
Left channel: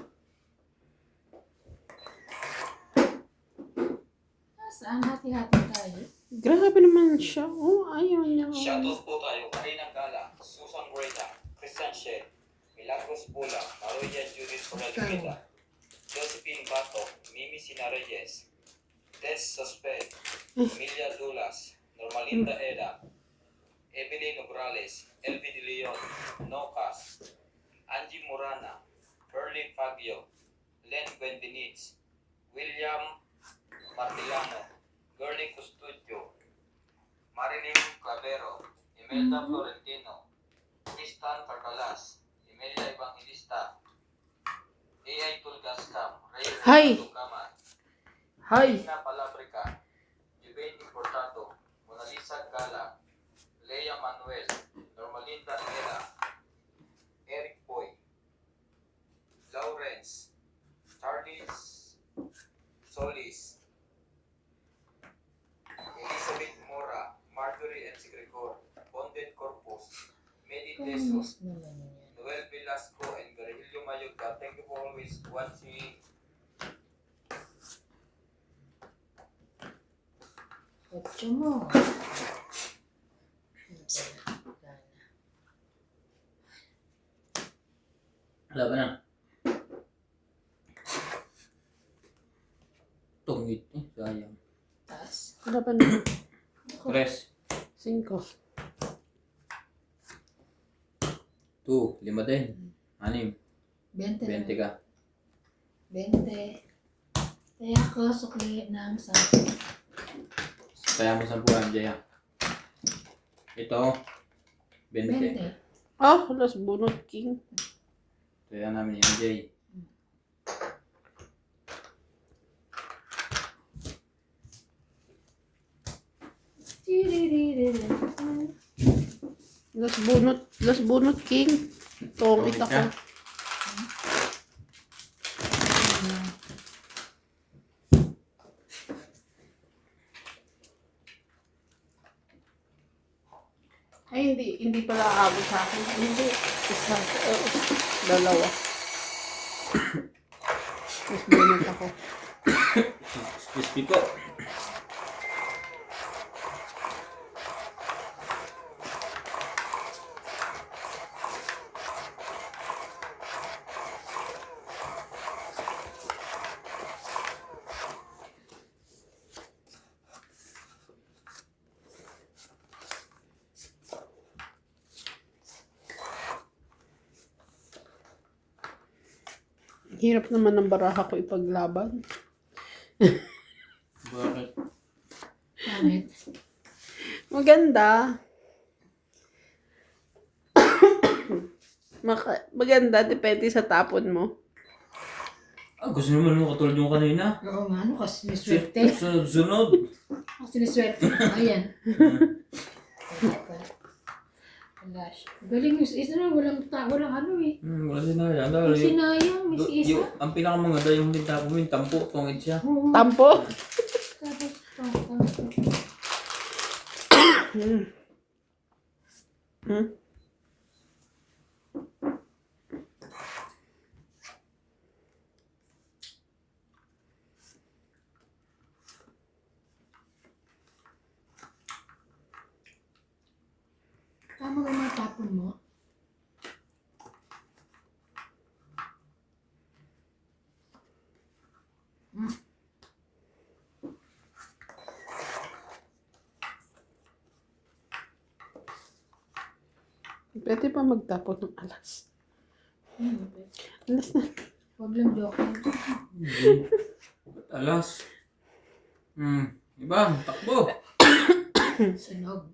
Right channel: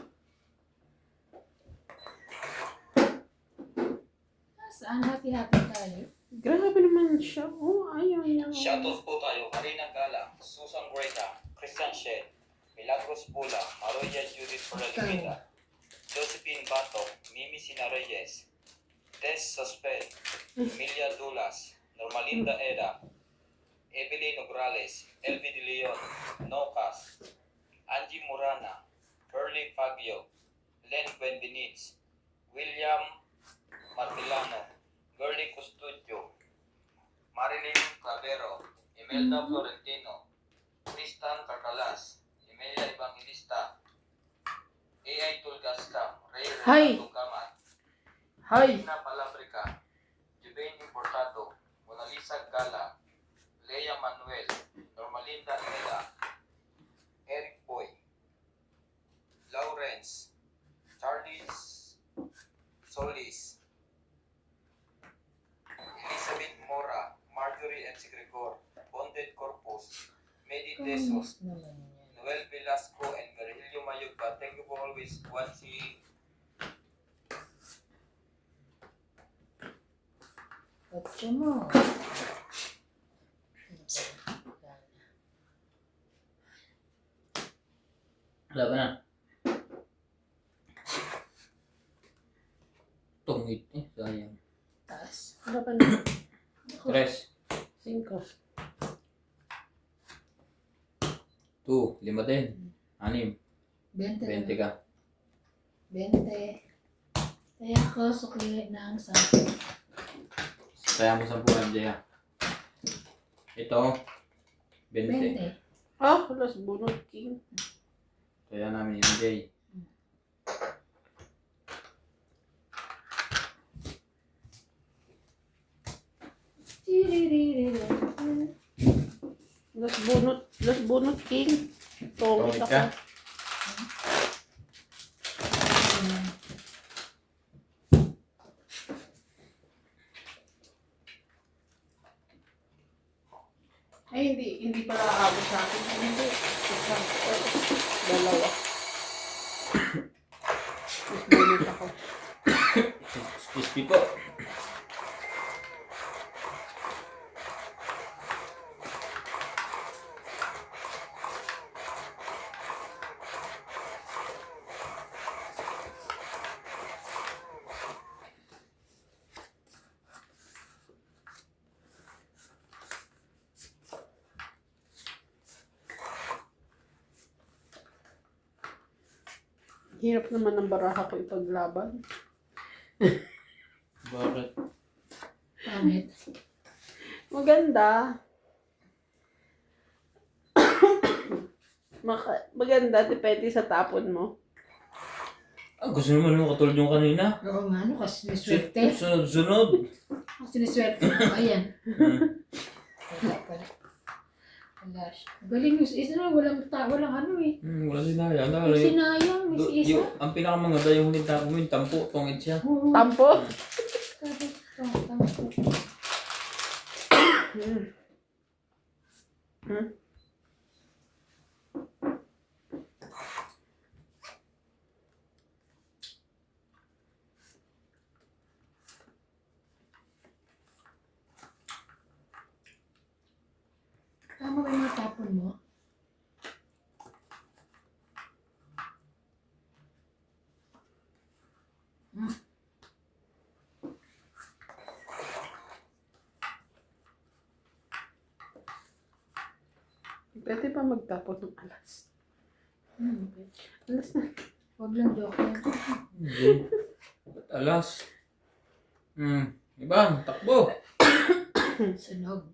Saan hati-hati tayo? Grabe naman siya. Oh, ayaw niya. Shoutout po tayo. Karina Gala, Susan Morena, Christian Shed, Milagros Bula, Maroya Judith Poralquita, Josephine Bato, Mimi Sina Reyes, Tess Sosped, Emilia Dulas, Normalinda Eda, Evelyn Nograles, Elvi De Leon, Nocas, Angie Murana, Pearly Fabio, Len Buendinitz, William Martilano, Girly Custodio, Marilyn Clavero, Imelda Florentino, Tristan Carcalas, Emilia Evangelista, AI Tulgascam, Hi. Reyes Tugaman, Hi. Ina Palabrica, Juvenio Portato, Mona Lisa Gala, Lea Manuel, Normalinda Nela, Eric Boy, Lawrence, Charlie Solis, Elizabeth Mora, Marjorie M. Gregor, Bonded Corpus, Medi Tesos, Kamusta naman yan? Thank you for always watching. Otso mo. Wala ba na? Tungit eh, sayang. Taas. Ano pa na? 3, 5. 2, 5 din. 6, 20 lang. 20 ka. 20. Kaya ako sukli ng 10. Kaya mo 10 MJ ha. Ito, 20. 20. Ah, alas bunot king. Kaya namin MJ. Las bunot king. Tongit Tongit ako. ka? Ay, hindi pa aabot sa akin. Hindi. Isa. Dalawa. Mas bunot ako. Crispy po. Hirap naman ng baraha ko ipaglaban. Bakit? Pangit. Maganda. Maganda, depende sa tapon mo. Ah, gusto naman mo katulad yung kanina. Oo nga, ano kasi siniswerte. Sunod-sunod. Ako siniswerte. Ayan. Wala pala. Wala siya. Galing yung isa na, walang ano eh. Wala sinayang. Yung sinayang, may isa. Ang pinakamaganda yung huling tapo mo, yung tampo, tungit siya. Oo. Tampo? Tapos. Tama ba yung mga tapon mo? Pwede pa magtapon ng alas. Alas na. Huwag lang joke. Hindi. Ba't alas? Iban, takbo. Sunog.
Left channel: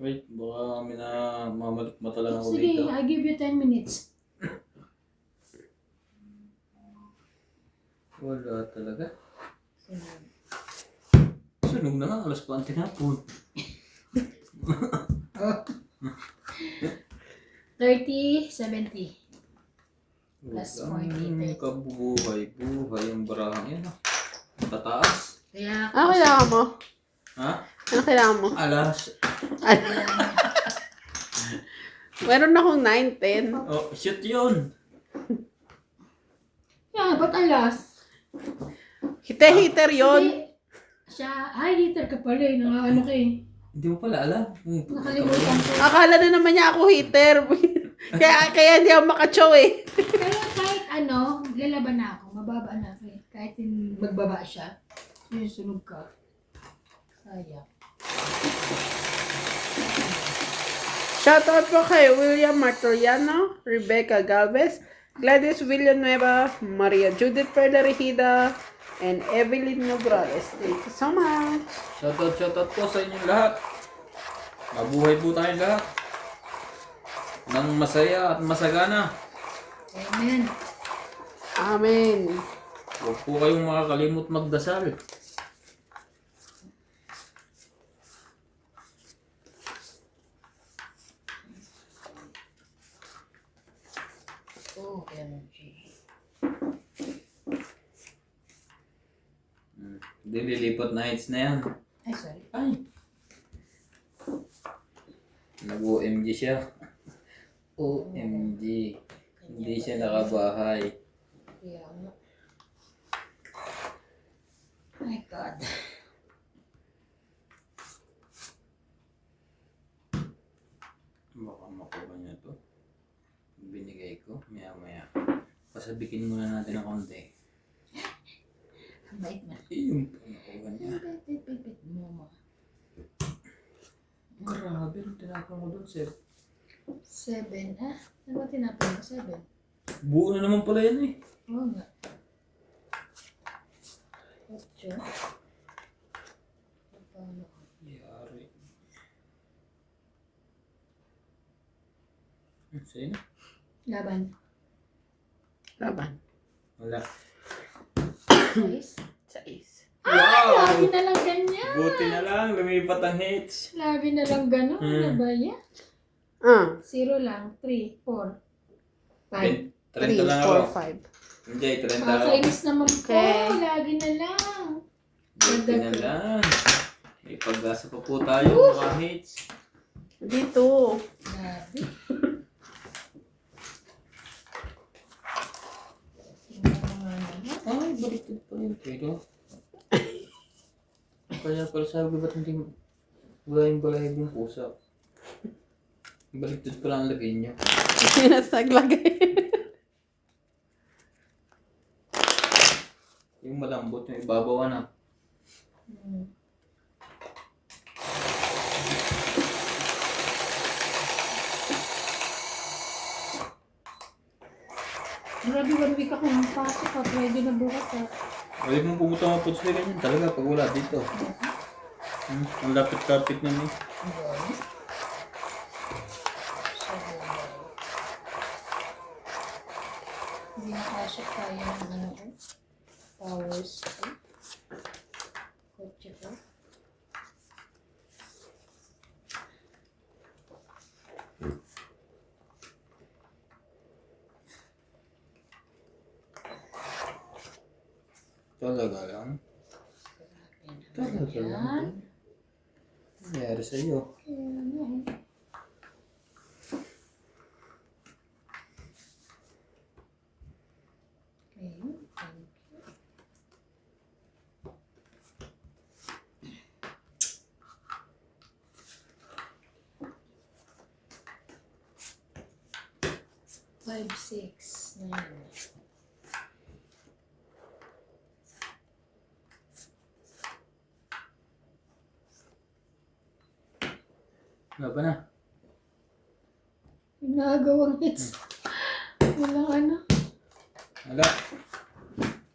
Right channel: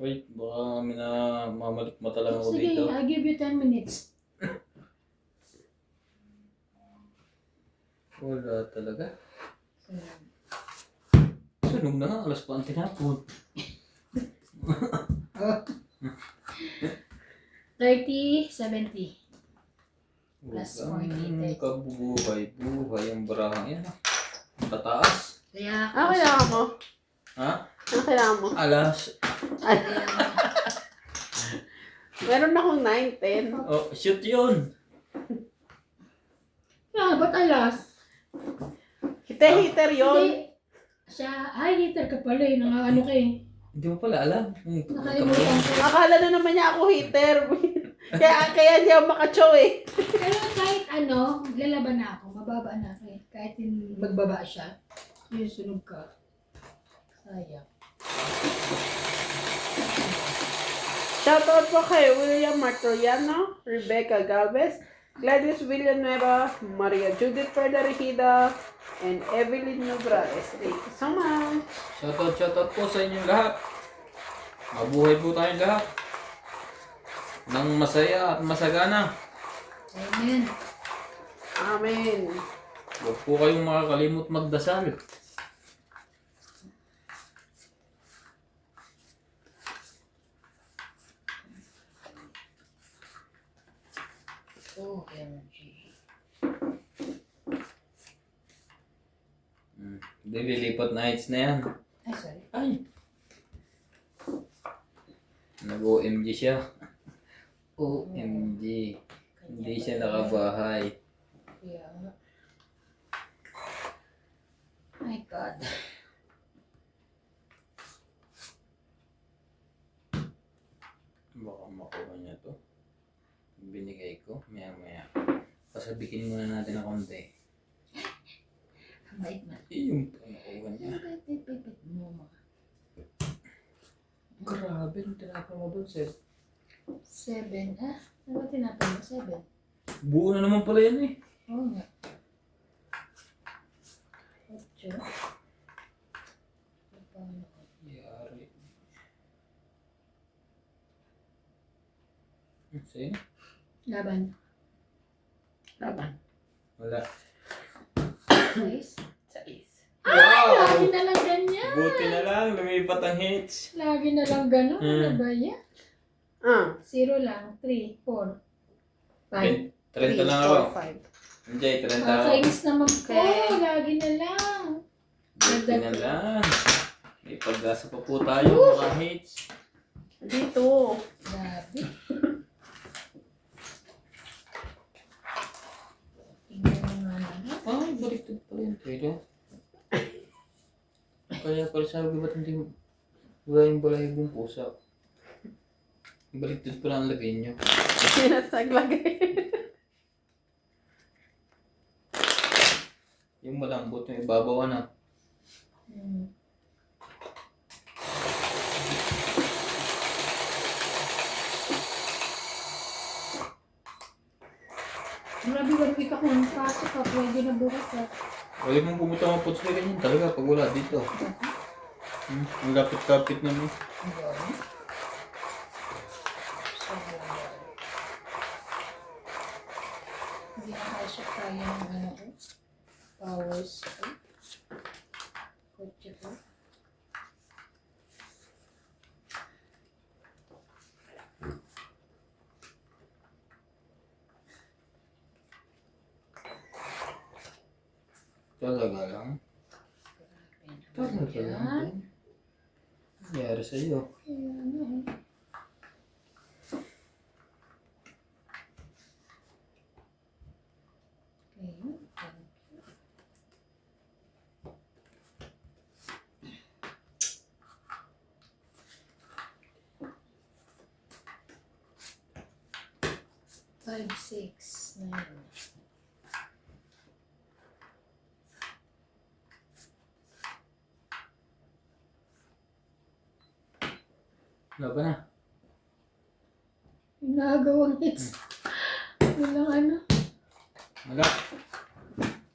Wait, baka may na mamalikmata lang ako Sige, dito. I give you 10 minutes. Wala talaga. Sunog. Sunog na nga, alas pa ang tinapon. 30, 70. Plus Wala. 40. Kabuhay-buhay ang barahang yan. Tataas. Kaya, Ano kailangan mo? Ha? Ano kailangan mo? Alas. Meron akong 9, 10. Oh, shit yun. ba't alas? Hite-hiter yun. Hindi. Siya, hitter ka pala eh. Ano ka eh. Hindi mo pala alam. Nakalimutan ko. Akala na naman niya ako hitter. kaya hindi ako makachow eh. Pero kahit ano, lalaban na ako. Mababa na ako eh. Kahit magbaba siya. Yung sunog ka. Sayang. Shoutout po kay William Martoriano, Rebecca Galvez, Gladys Villanueva, Maria Judith Perlarejida, and Evelyn Nograles. Thank you so much. Shoutout po sa inyong lahat. Mabuhay po tayong lahat. Nang masaya at masagana. Amen. Amen. Huwag po kayong makakalimot magdasal. Oh, energy. Hindi, lilipat na hits na yan. Ay, sorry. Ay! Nag-OMG siya. OMG. Hindi siya nakabahay. Kaya nga. My God. Baka makuha niya to. Binigay ko. Maya. Pasabikin muna natin ng konti. Ang bait man. Yung nakuha niya. Bait mo. Grabe, yung tinapon mo doon, sir. 7, ah? Ano ba tinapon mo? 7? Buo na naman pala yan eh. Oo nga. 8. Paano ko? Yari. Sa'yo na? Laban. Laban. Wala. 6. 6. Lagi na lang ganyan. Buti na lang, lumipat ang hits. Lagi na lang gano'n. Ano ba yan? 0 lang. 3, 4, 5. 30 lang ako. 5. Enjoy, 30 ako. Kainis naman po. Okay. Lagi na lang. Buti na lang. May pag-asa pa po tayo, mga hits. Dito. Grabe. Tingnan mo nga naman. Ay, baliktad pa yan, pero. Kaya pala sabi, ba't hindi balayang yung pusa? Baliktad pa lang ang lagay niyo. Sino naglagay? Yung malambot, yung ibabaw na. Grabe, 1 week ako ng pasok ha. Pwede na bukas ha. Balik mong pumunta mga puts na ganyan talaga pag wala dito. Ang lapit-lapit na mo. Hindi nakasok tayo ng ano ko. Powers ko. Kotse ko. Talaga lang. Talaga lang. Yan. Nangyari sa'yo. Ayan. Ayun. 5, 6, 9. Wala ba na? Yung nagawang hits. Walang ano. Wala.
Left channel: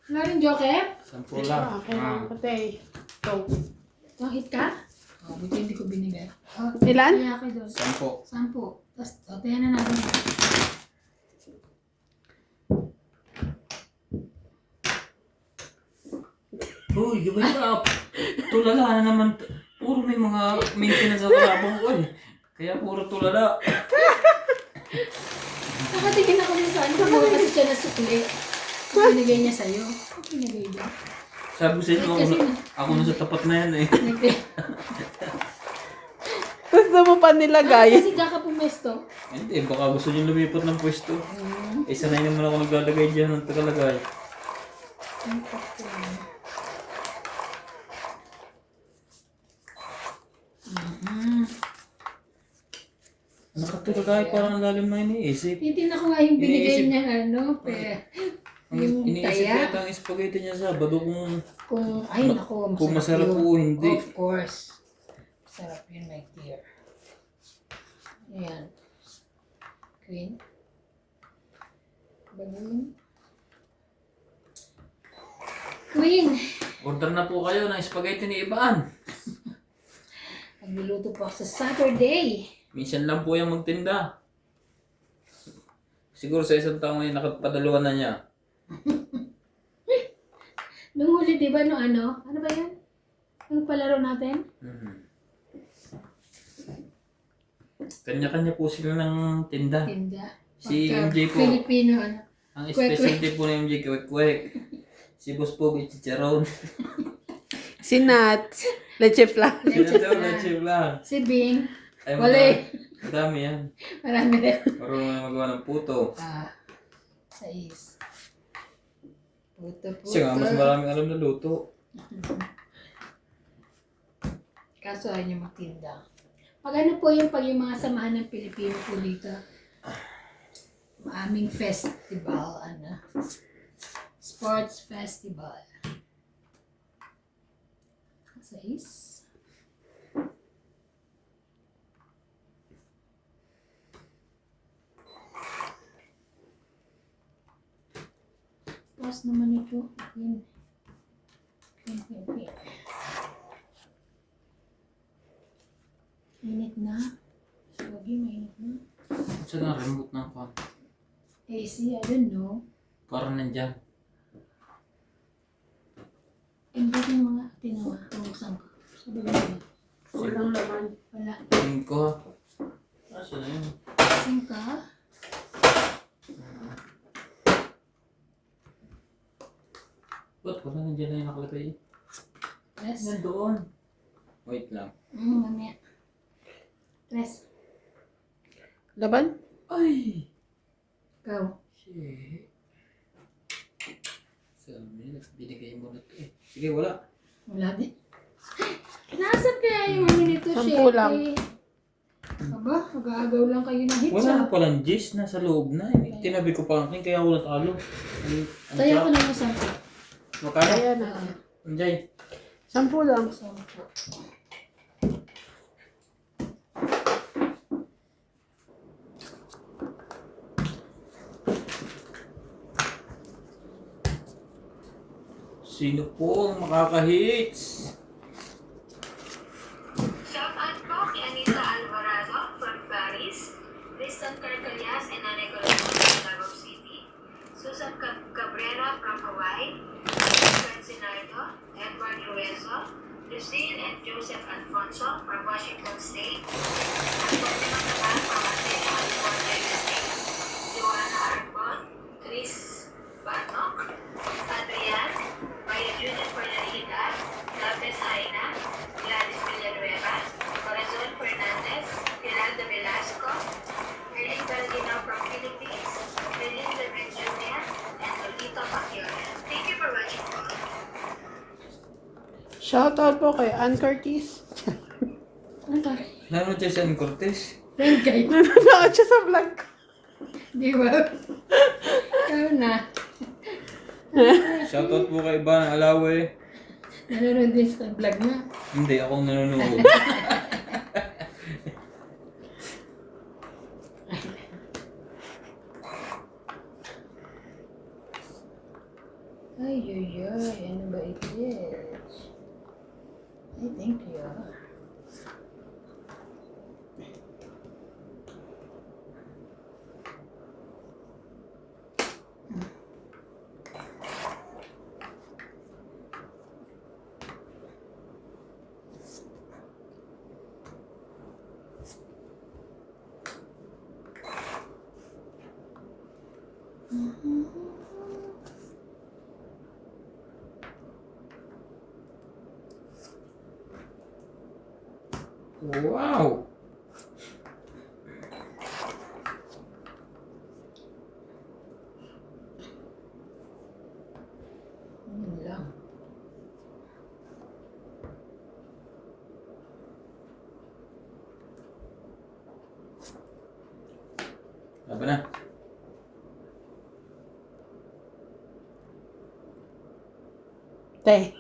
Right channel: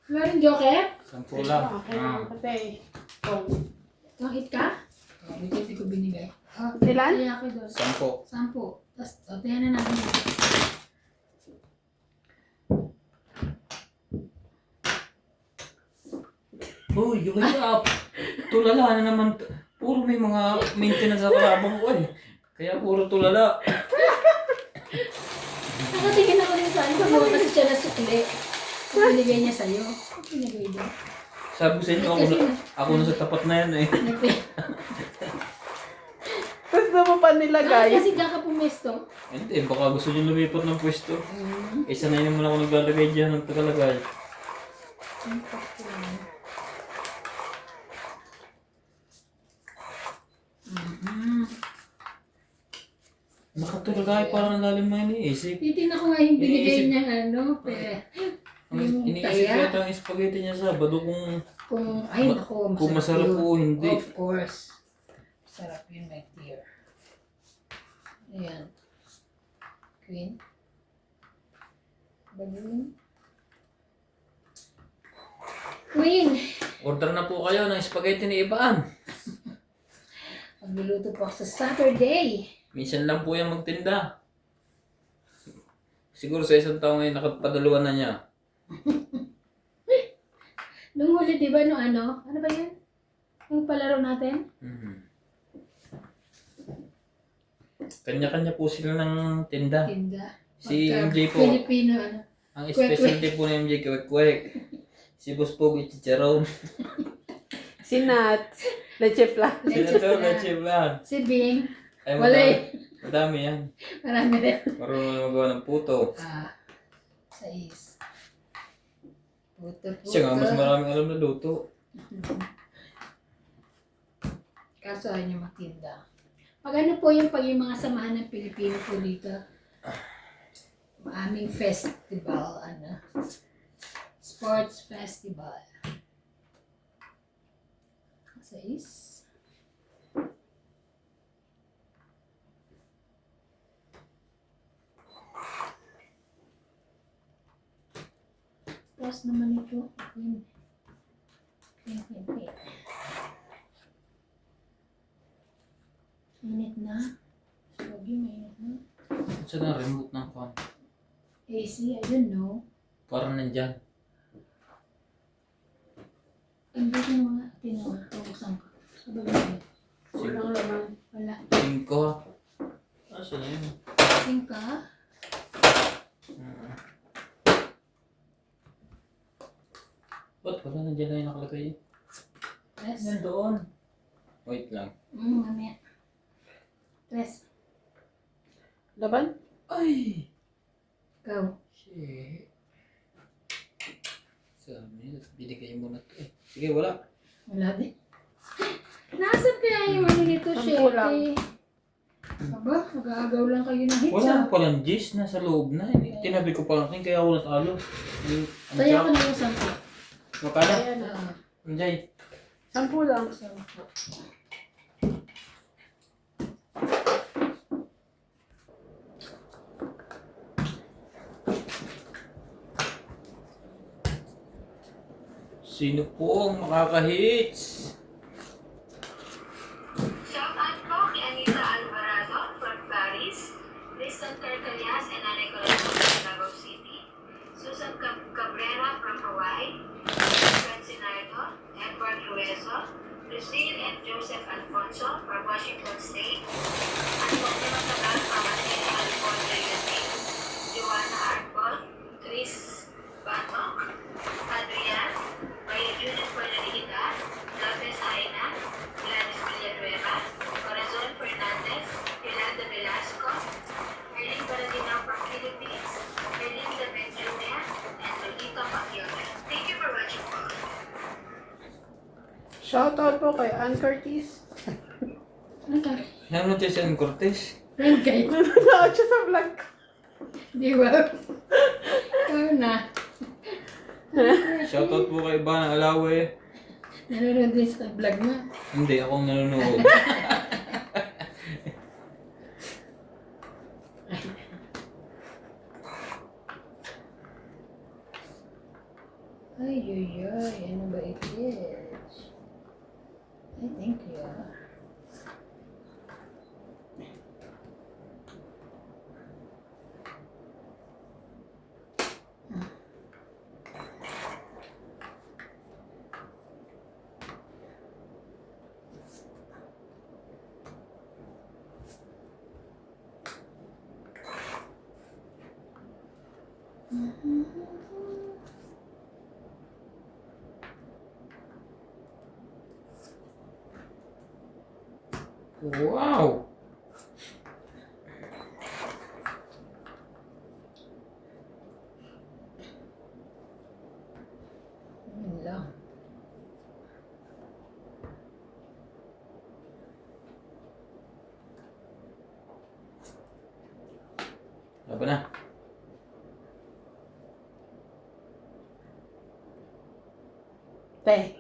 Wala rin joker? 10 lang. Okay. Yung hit ka? Oh, buti hindi ko binigay. Oh, Ilan? kaya ako doon. 10. 10. Tapos, tayo na natin. Uy, gawin up. Tulala na naman. Puro may mga maintenance sa kalabang ko eh. Kaya puro tulala. Nakatingin ako din sa ano. Kumuha kasi siya na sukli. Binigay niya sa'yo. Ano pinagay din? Sabi ko sa inyo, ako na sa tapat na yan eh. Gusto mo pa nilagay? Kasi diyan ka pumesto. Hindi, baka gusto niyo lumipat ng pwesto. Sanay naman ako naglalagay dyan ng tagalagay. Ang pakto. Nakatulagay, parang ang lalim na iniisip. Titignan ko nga yung binigay Iniisip. niya ano. Yung Iniisip taya. ko ang spaghetti niya sa bado Kung, ay naku, kung masarap yun. o hindi. Of course. Sarap yun, my dear. Ayan. Queen. Balloon. Queen. Order na po kayo ng spaghetti ni Ibaan. Magluluto po ako sa Saturday. Minsan lang po yung magtinda. Siguro sa isang taong ngayon, nakapadaluan na niya. Nung huli, di ba, no ano? Ano ba yan? Yung palaro natin? Kanya-kanya po sila ng tinda. Tinda. Si Pagka MJ po, Filipino, ano? ang Kwek-kwek. specialty po ng MJ, kwek-kwek. Si Boss po, chicharon. Si Nat. Leche flan. Leche Sila daw, flan. leche flan. Si Bing. Ay, Wala madami yan. Marami rin. Marunong na magawa ng puto. Sais. Puto. Siya nga, mas maraming alam na luto. Kaso ayaw niya magtinda. Pag ano po yung mga samahan ng Pilipino po dito, aming festival, sports festival. Sais. Tapos naman ito. Queen. Mainit na. Sabi, mainit na. Saan na remote ng phone? AC, I don't know. Parang nandyan. Hindi ko mga tinawa. Buksan ko. Sabi mo. Walang laman. Wala. 5. Saan na yun? Kasing ka. Ba't wala nandyan na yung nakalagay? Tres. Nandoon. Wait lang. Mamaya. Tres. Laban? Ay! Ikaw. Shit. Sabi, binigay mo na to eh. Sige, wala. Wala din. Nasaan kaya yung ano nito, Sampu lang. Shete? Aba, nag-aagaw lang kayo ng hitsa. Wala na palang Jis, nasa loob na. Tinabi ko pa rin, kaya ako natalo. Tayo ko na yung 10. Magkano? Ayan. Anjay. 10 lang. 10. Sino po ang makaka-hits? Shout out po kay Anita Alvarado from Paris, Tristan Carcalias and Ana Corazon from Davao City, Susan Cabrera from Hawaii, Fred Sinardo, Edward Ruezo, Lucille and Joseph Alfonso from Washington State, Antonio Matabal from Antonio, California, USA, Joanna Arbon, Chris Banok, Adrian, Maria Judith Fernandita, Lopez Aina, Gladys Villanueva, Corazon Fernandez, Geraldo Velasco, Erling Galginaw from Philippines, Melinda Benjulia, and Lolito Pacquiao. Thank you for watching po. Shoutout po kay Ann Curtis. Ano ka? Ano tayo sa Cortez? Friend kayo. Nanonood siya sa vlog ko. Di ba? Ikaw na. Shoutout po kay Ivana Alawe. Nanonood din sa vlog niya. Hindi, akong nanonood. Ay, ano ba ito? Ay, thank you. Wow! Yun lang. Laban na. Te.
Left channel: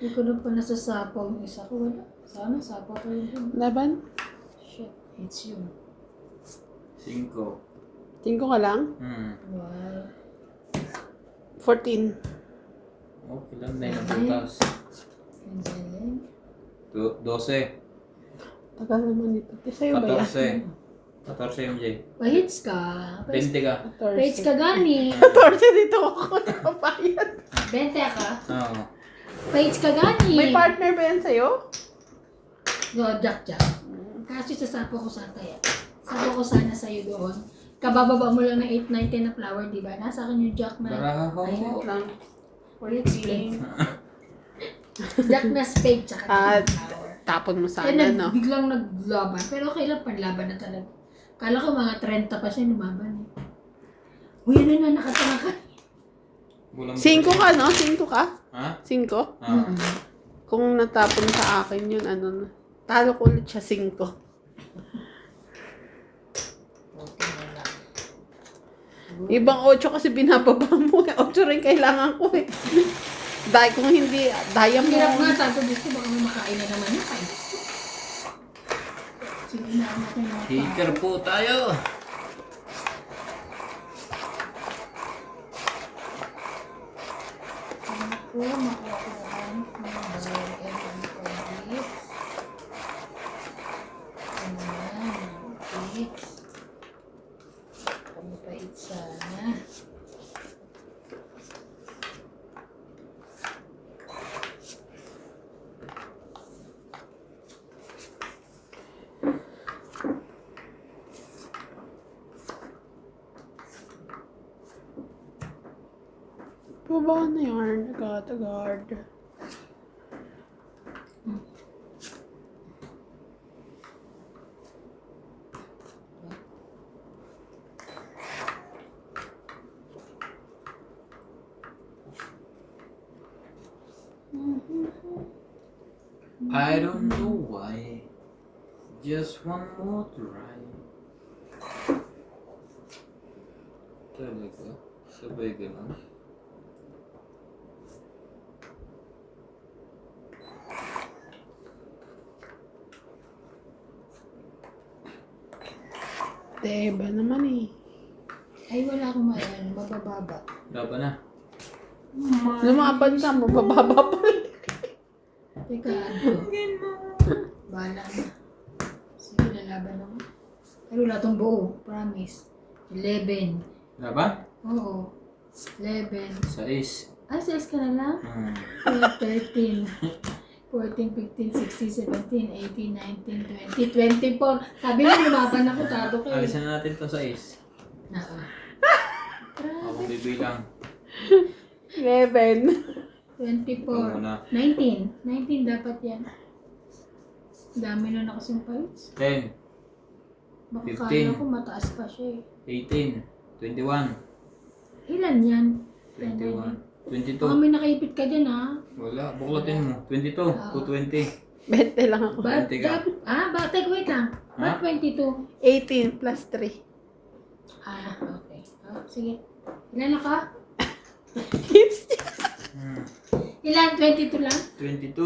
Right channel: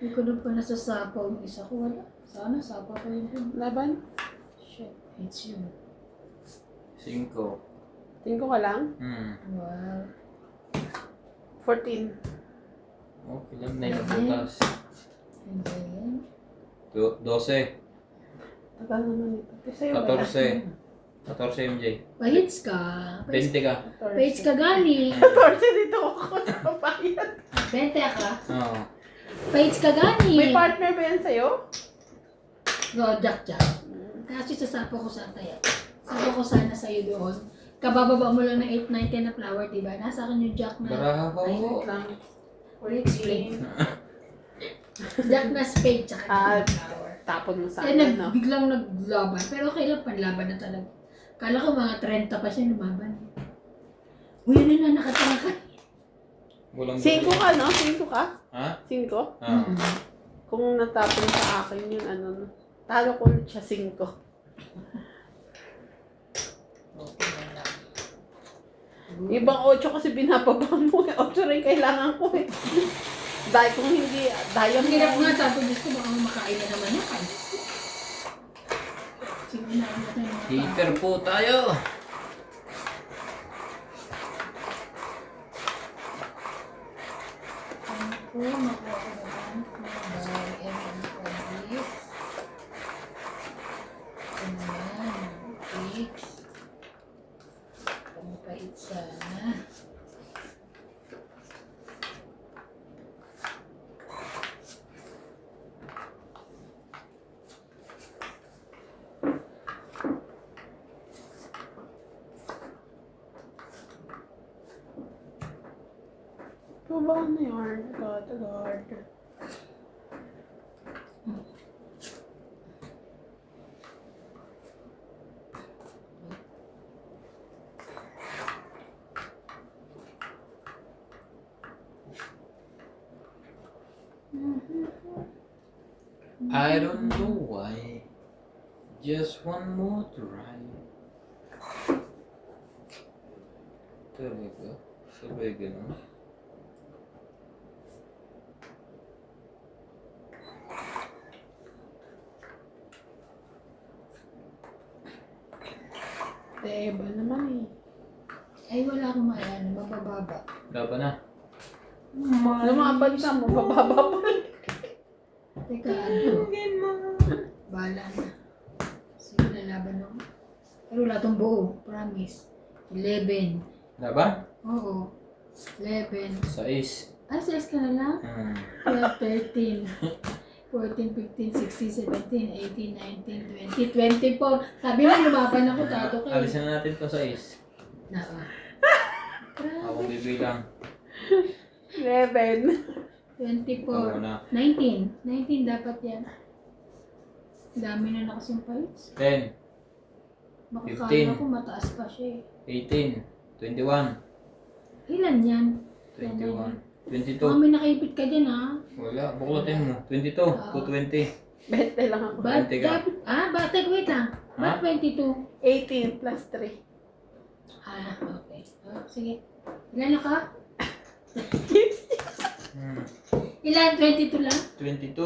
Hindi ko na pa nasasapaw yung isa ko. Wala. Sana sapaw ko yun. Laban? Shit, it's you. 5. Tingko ka lang? Wow. 14. Okay lang na yung butas. And then, 12. Tagal naman ito. Te, sa'yo ba yan? 14 MJ. pahits ka. 20 ka. Pahits ka gani. 14 dito ako sa bayan. 20 ka. Oo. Pahits ka gani. May partner ba yan sa'yo? Go, Jack. Kasi sasapaw ko sa taya. Sasapaw ko sana sa'yo doon. Kabababa mo lang ng 8, 9, 10 na flower, diba? Nasa akin yung Jack na... Bravo. Ay, Lang. explain. Jack na spade, tsaka Ah, flower. tapon mo sana, Kaya no? biglang naglaban. Pero okay lang, panlaban na talaga. Kala ko mga 30 pa siya lumaban. Uy, ano na, nakatanga ka. Walang 5 ka, no? 5 ka? Ha? 5? Ah. Kung natapon sa akin yun, ano na. Talo ko ulit siya 5. Okay na lang. Ibang 8 kasi binababa mo. 8 rin kailangan ko eh. Dahil kung hindi, dahil Ang mo. hirap nga, sabi ko, Diyos ko, baka makain na naman yan. Ay, Diyos ko. Sige na, ano kayo na Hater po tayo. Ano po, makuha ko naman ng barrel and police. Ayan, okay. Pamapait sana. Baba na yarn. Agad. I don't know why. Just one more try. Talaga? Sabay ganun? Diba naman eh. Ay, wala akong mayan. Mabababa. Laban na. Lumaban ka mo, bababa pa. Teka, ano? Bahala na. Sige, lalaban ako. Pero wala tong buo. Promise. 11. Laban? Oo. 11. 6. Ay, 6 ka na lang? 12, 13. 14, 15, 16, 17, 18, 19, 20, 24. Sabi mo, lumaban ako, tato kayo. Alisan na natin to 6. Naka. Ako Grabe. bibilang. 11. 24. Ikaw na. 19. 19 dapat yan. Dami na nakasumpayits. 10. Baka 15. kala ko mataas pa siya eh. 18. 21. Ilan yan? 21. 22. Baka may nakaipit ka dyan ha. Wala. Buklatin mo. 22. 220. 20 lang ako. But, 20 ka. batek, wait lang. Ha? Ba't 22? 18 plus 3. Okay. Oh, sige. Ilan na ka? Ilan? 22 lang? 22.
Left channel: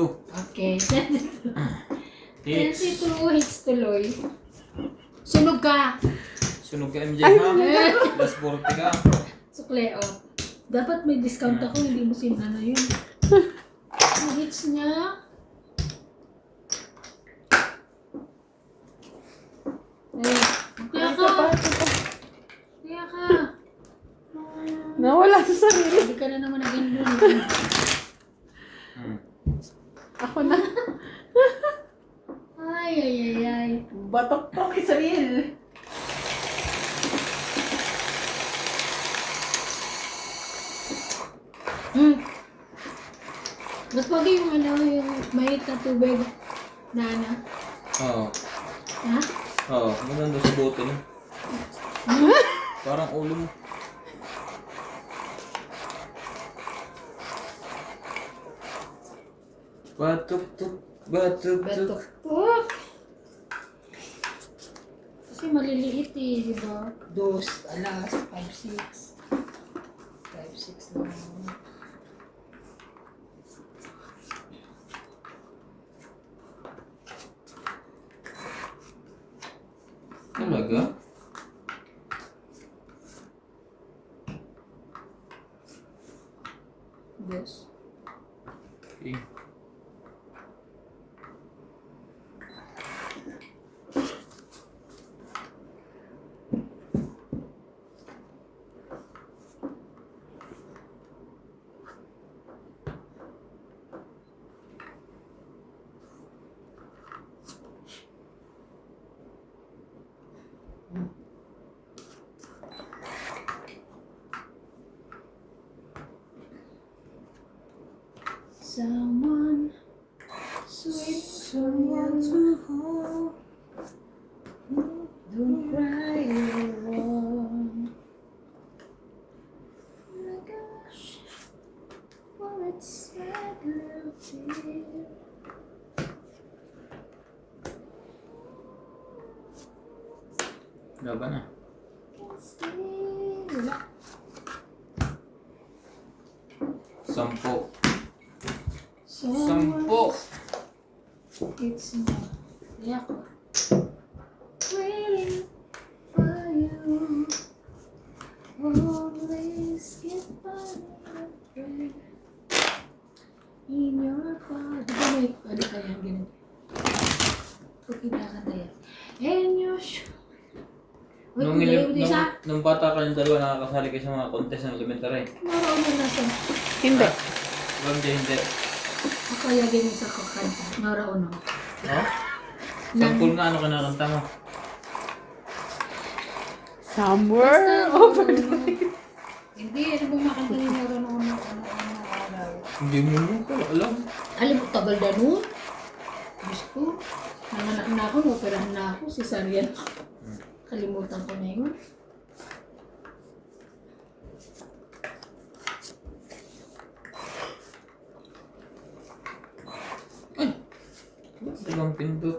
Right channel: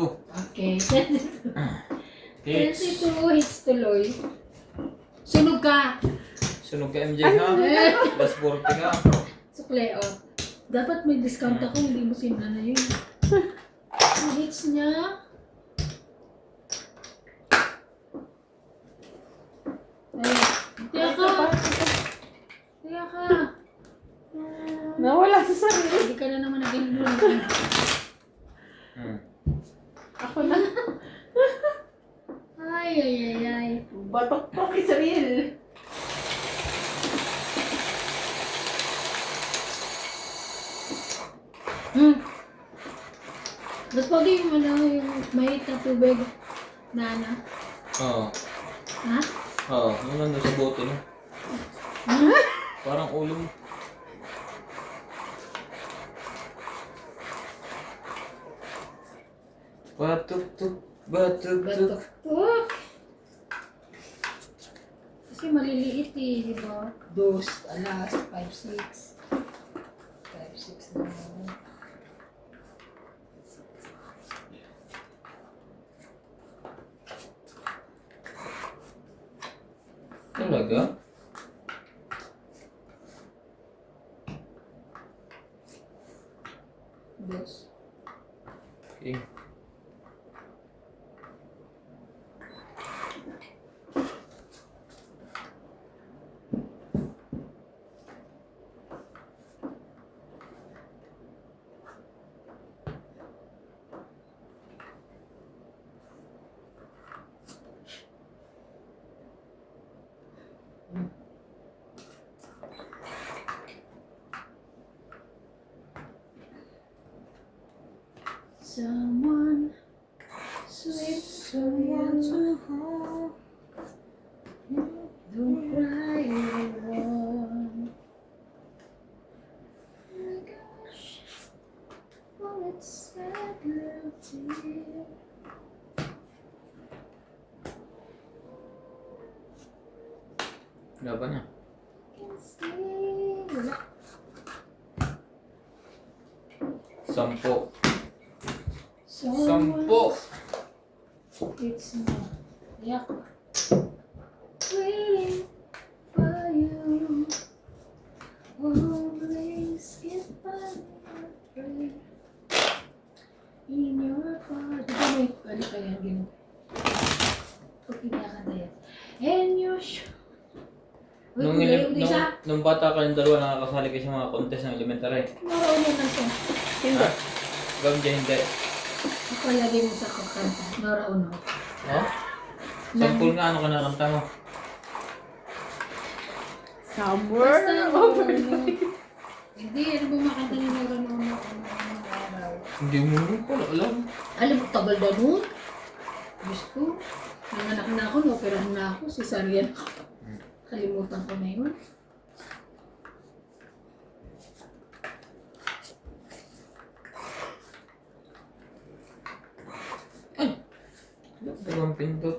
Okay. 22. Hits. 22 hits tuloy. Sunog ka! Sunog ka MJ ha? Plus 40 ka. Sukle, oh. Dapat may discount ako, hindi mo sinana yun. Ang hits niya. Ay, kaya ka. Kaya ka. Nawala sa sarili. Hindi ka na naman naging nun. Ako na. Ay. Batok to, Israel. Mas pogi yung yung mainit na tubig. Nana. Oo. Ha? Oo. Yun nandun sa bote na. Parang ulo mo. Batuk-tuk. Batuk-tuk. Batok. Kasi maliliit eh, di ba? Dos, alas, 5, 6. 5, 6 lang. Talaga? Dos. Okay. Someone sweet, someone to hold. Don't cry alone. Laban na. Wala. 10. So, 10. it's not. Yak. Waiting for you. Always get by my friend. In your body. Di ba may, ano kaya ganun? Kung kinakanta yan. And your shoe. Nung bata ka yung dalawa, nakakasali kayo sa mga contest ng elementary. Marunong na siya. Hindi. Gawin dyan, hindi. Ako lagay mo sa kanta. Nora Uno. No? Sampul nga, ano ka nakanta mo? Somewhere Basta over Nora the Uno. Hindi, ano ba makanta ni Nora Uno? Ano araw? Hindi mo mo pala alam. Alam mo, tagal na nun. Diyos ko. Nanganak na ako, naoperahan na ako. Cesarean. Kalimutan ko na yun. Dalang pindot.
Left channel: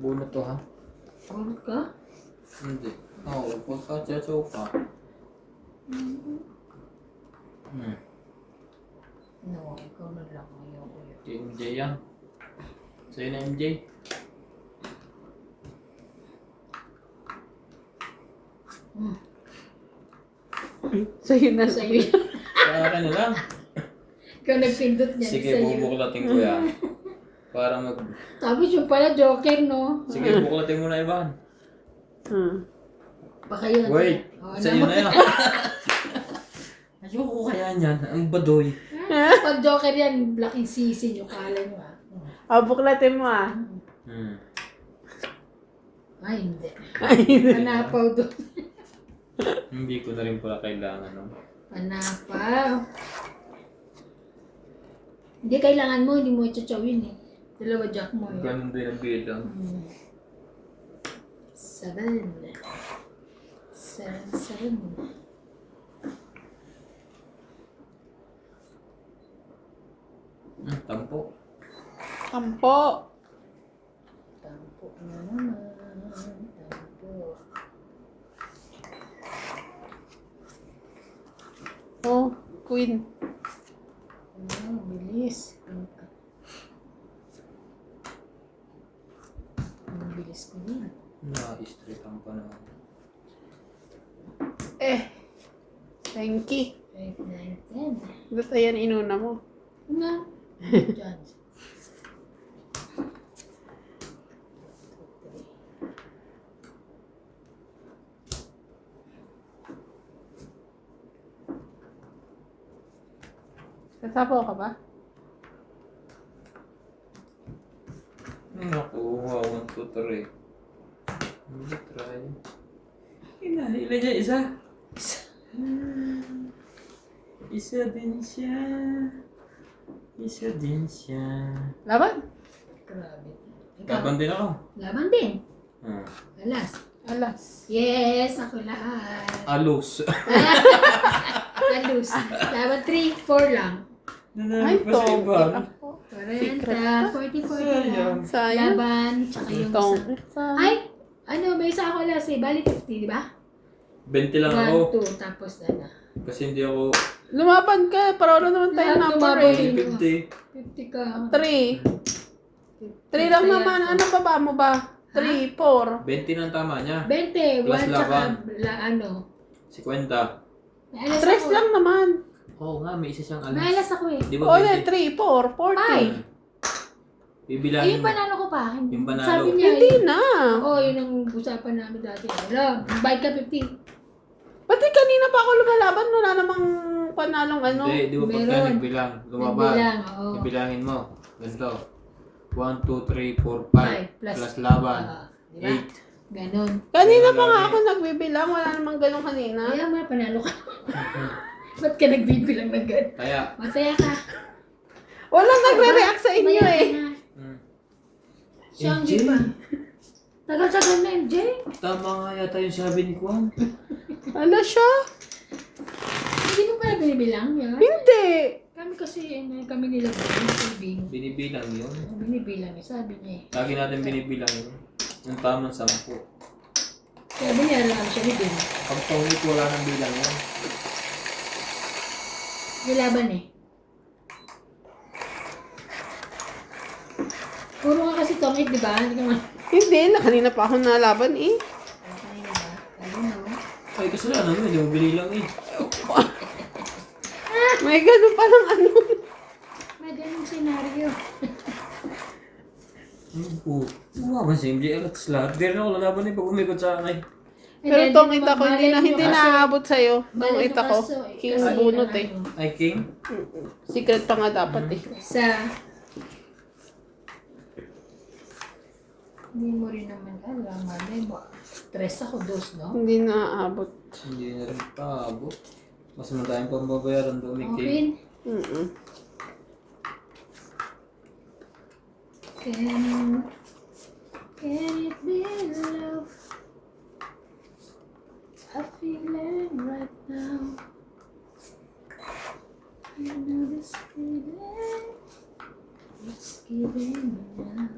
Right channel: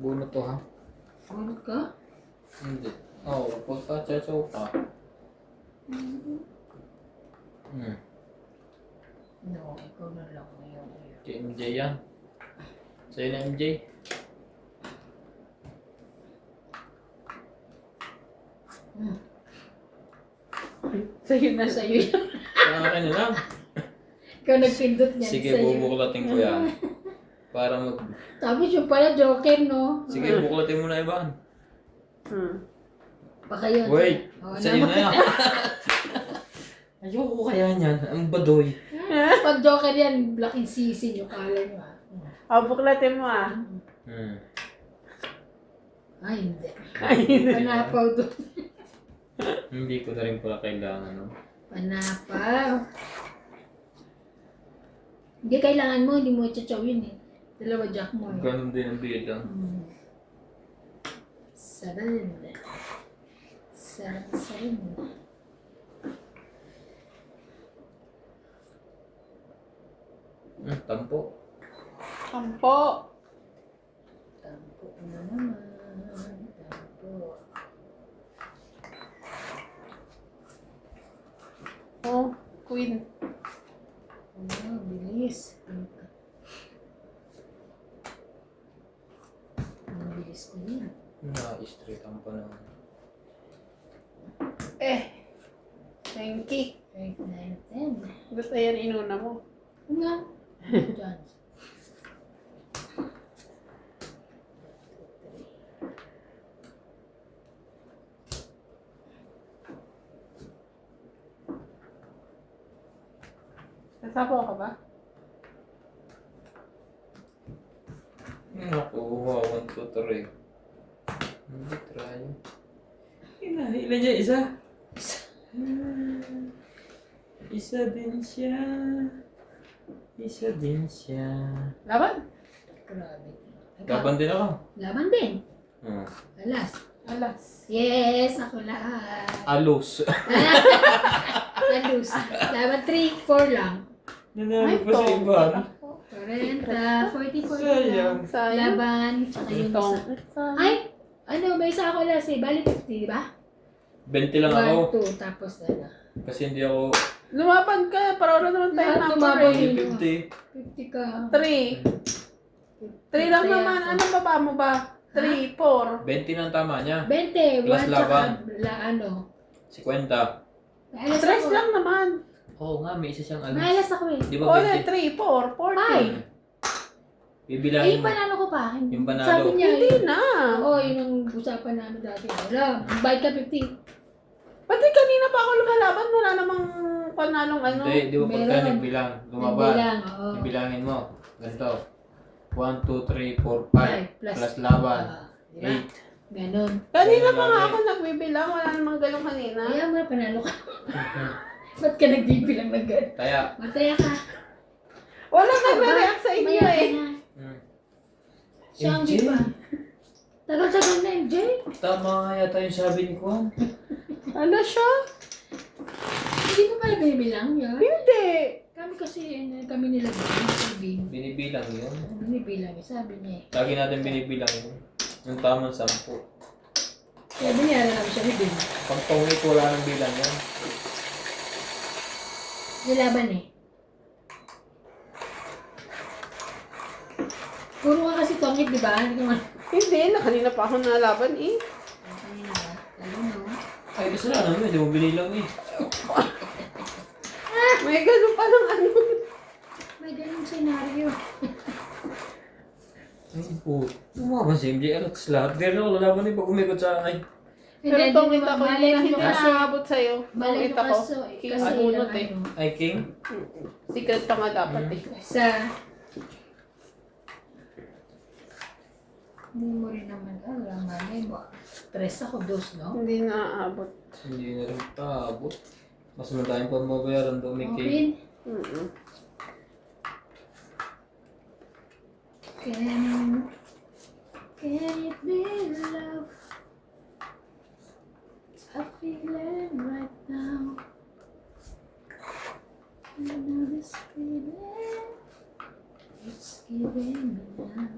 Buno to ha? Ano ka? Hindi. Oo, pagka-chachaw ka. No, ikaw na lang ngayon. Kay MJ yan. Sa'yo na MJ. Sa'yo na Sa iyo. Sa akin na lang. Ikaw nagpindot niyan. Sige, sa iyo. bubuklatin ko yan. Para mag... Tapos yung pala, joker, no? Sige, bubuklatin mo na iban. Baka yun. Wait, Oo, sa'yo na yan. Ayoko kaya niyan. Ang badoy. Pag joker yan, laking sisi yung kala nyo, ah. O, buklatin mo ah. Ay, hindi. Panapaw doon. Hindi ko na rin pala kailangan, no? Panapaw. Hindi kailangan mo, hindi mo tsawin eh. Dalawa jack mo eh. Ganun din ang bilang. 7. 7. Tampo. Tampo. Tampo na naman. Tampo. Oh, queen. Oh, bilis. Ang bilis ko din. Na-straight ang panahon. Thank you. 8, 9, 10. Ba't ayan inuna mo? Ano? Diyan. Sasapo ka ba? Nakuha, 1, 2, 3. Hindi, try. Ilan niya? Isa? Isa din siya. Isa din siya. Laban? Grabe. Laban din ako. Laban din. Hmm. Alas. Alas. Yes, ako lahat. Alos. Alus. Laban 3, 4 lang. Nanalo pa sa iba. 40, 40 lang. Sayang. Laban, tsaka yung isa. Ay! Ano, may isa ako alas eh. Bali 50, di ba? 20 lang ako. 1, 2, tapos na. Kasi hindi ako Lumaban ka. Para wala naman tayo Lahat number lumaban eh. yun. 50. 50 ka. 3. 3 lang naman. Ano pa ba mo ba? 3, 4. 20 ng tama niya. 20, Plus 1 tsaka laban. ano. 50. May alas 3 ako. lang naman. Oo nga, may isa siyang alas. May alas ako eh. Di O, ba 20? 3, 4, 40. Bibilangin Yung mo. panalo ko pa. Yung panalo. Sabi niya Hindi eh. na. Oo, yun ang usapan namin dati. Alam, bayad ka 50. Pati kanina pa ako lumalaban. Wala namang panalong ano. Hindi, di ba pagka Meron. nagbilang, lumaban. Nagbilang, oo. Ibilangin mo. Ganito. 1, 2, 3, 4, 5. Five, plus- Plus laban. Diba? 8. Ganon. Kanina pa nga ako nagbibilang. Wala namang ganun kanina. Kaya mo na panalo ka. Ba't ka nagbibilang na gano'n? Kaya, Mataya ka. Walang nagre-react sa inyo Maya ka eh. na. mm, Siya ang MJ. di pa. Tagal-tagal na MJ. tama nga yata yung sabi ni Kwan. Ano siya? Hindi mo pala binibilang yun? Hindi. Kami kasi, kami nilagay yung tubig. Binibilang yun. Binibilang, sabi niya eh. Lagi natin binibilang yun. Yung tamang 10. Sabi niya, alam siya ni Bin. Pag tungit, wala nang bilang yun. Nilaban eh. Puro ka kasi tongit, di ba? Hindi ka man. Hindi, na kanina pa ako nalaban eh. Kanina ba? Ayun no. Ay, kasi na naman, hindi mo binilang eh. May ganun pa ng ano. May ganun senaryo. Ano po? Umaba si MJ at lahat. Pero ako lalaban eh pag umikot sa akin. Pero Hindi, tongit ako, malay hindi mo kasi- naabot sa'yo. Malay Tongit ko ako. kasi, King kasi bunot ilang eh. ano, Ay, King? Secret pa nga dapat eh. Sa... Hindi mo rin naman alam, malay mo. Stress ako, dos, no? Hindi naaabot. Hindi na rin paabot. Mas naman tayong pambabayaran doon ni King. Okay. Mm-mm. Can it be love? I'm feeling right now. You know this feeling, it's giving me now.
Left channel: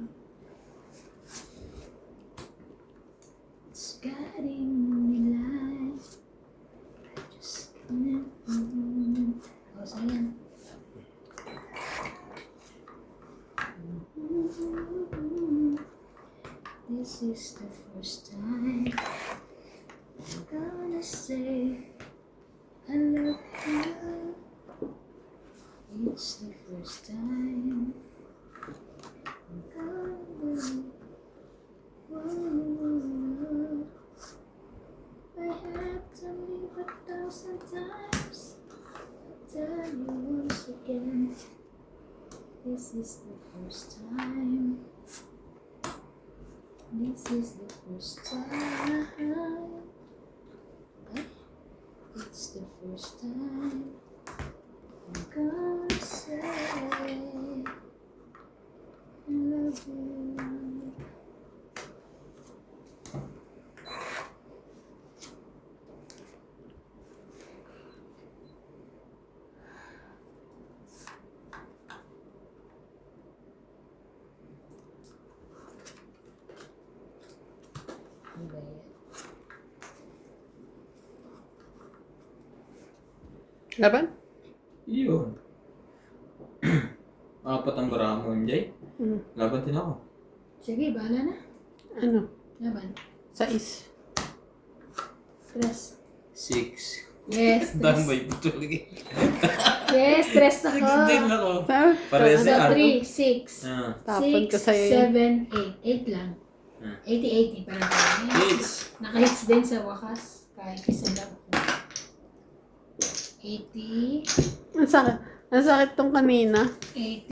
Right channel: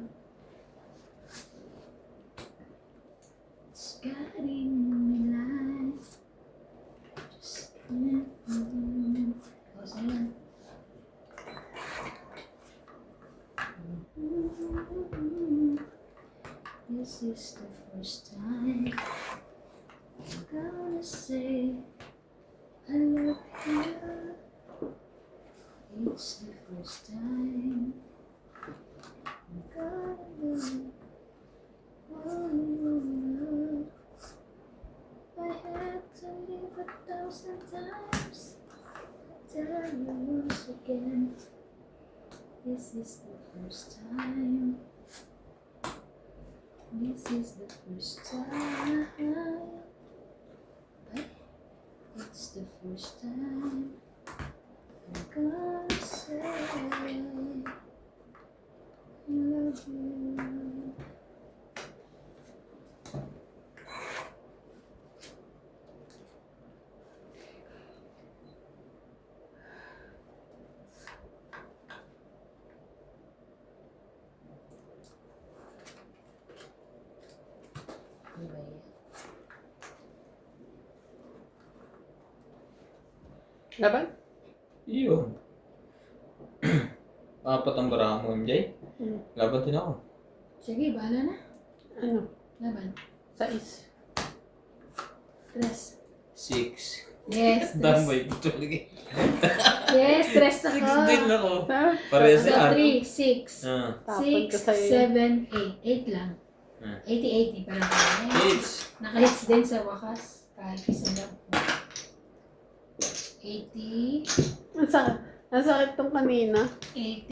It's guiding me life. I just can't move. Oh, sayang. This is the first time I'm gonna say I love you. It's the first time I'm gonna believe. Whoa. I had to leave 1,000 times. I tell you once again. This is the first time. This is the first time. Okay? It's the first time I'm gonna say I love you. Ano ba yan? Laban? Iyon. Apat ang barahan mo, MJ. Mm. Laban din ako. Sige, bahala na. Ano? Laban. 6. Stress. 6. Yes, stress. Damay, tuloy. Yes, stress ako. Din ako. Sabi? Parehas So, si 3, 6. Ah. Tapon ka 6, sa'yo. 7, 8. 8 lang. Hmm. 80-80 parang tayo. Hits. Naka-hits din sa wakas. Kahit isa lang. 80. Ang sakit tong kanina. 80.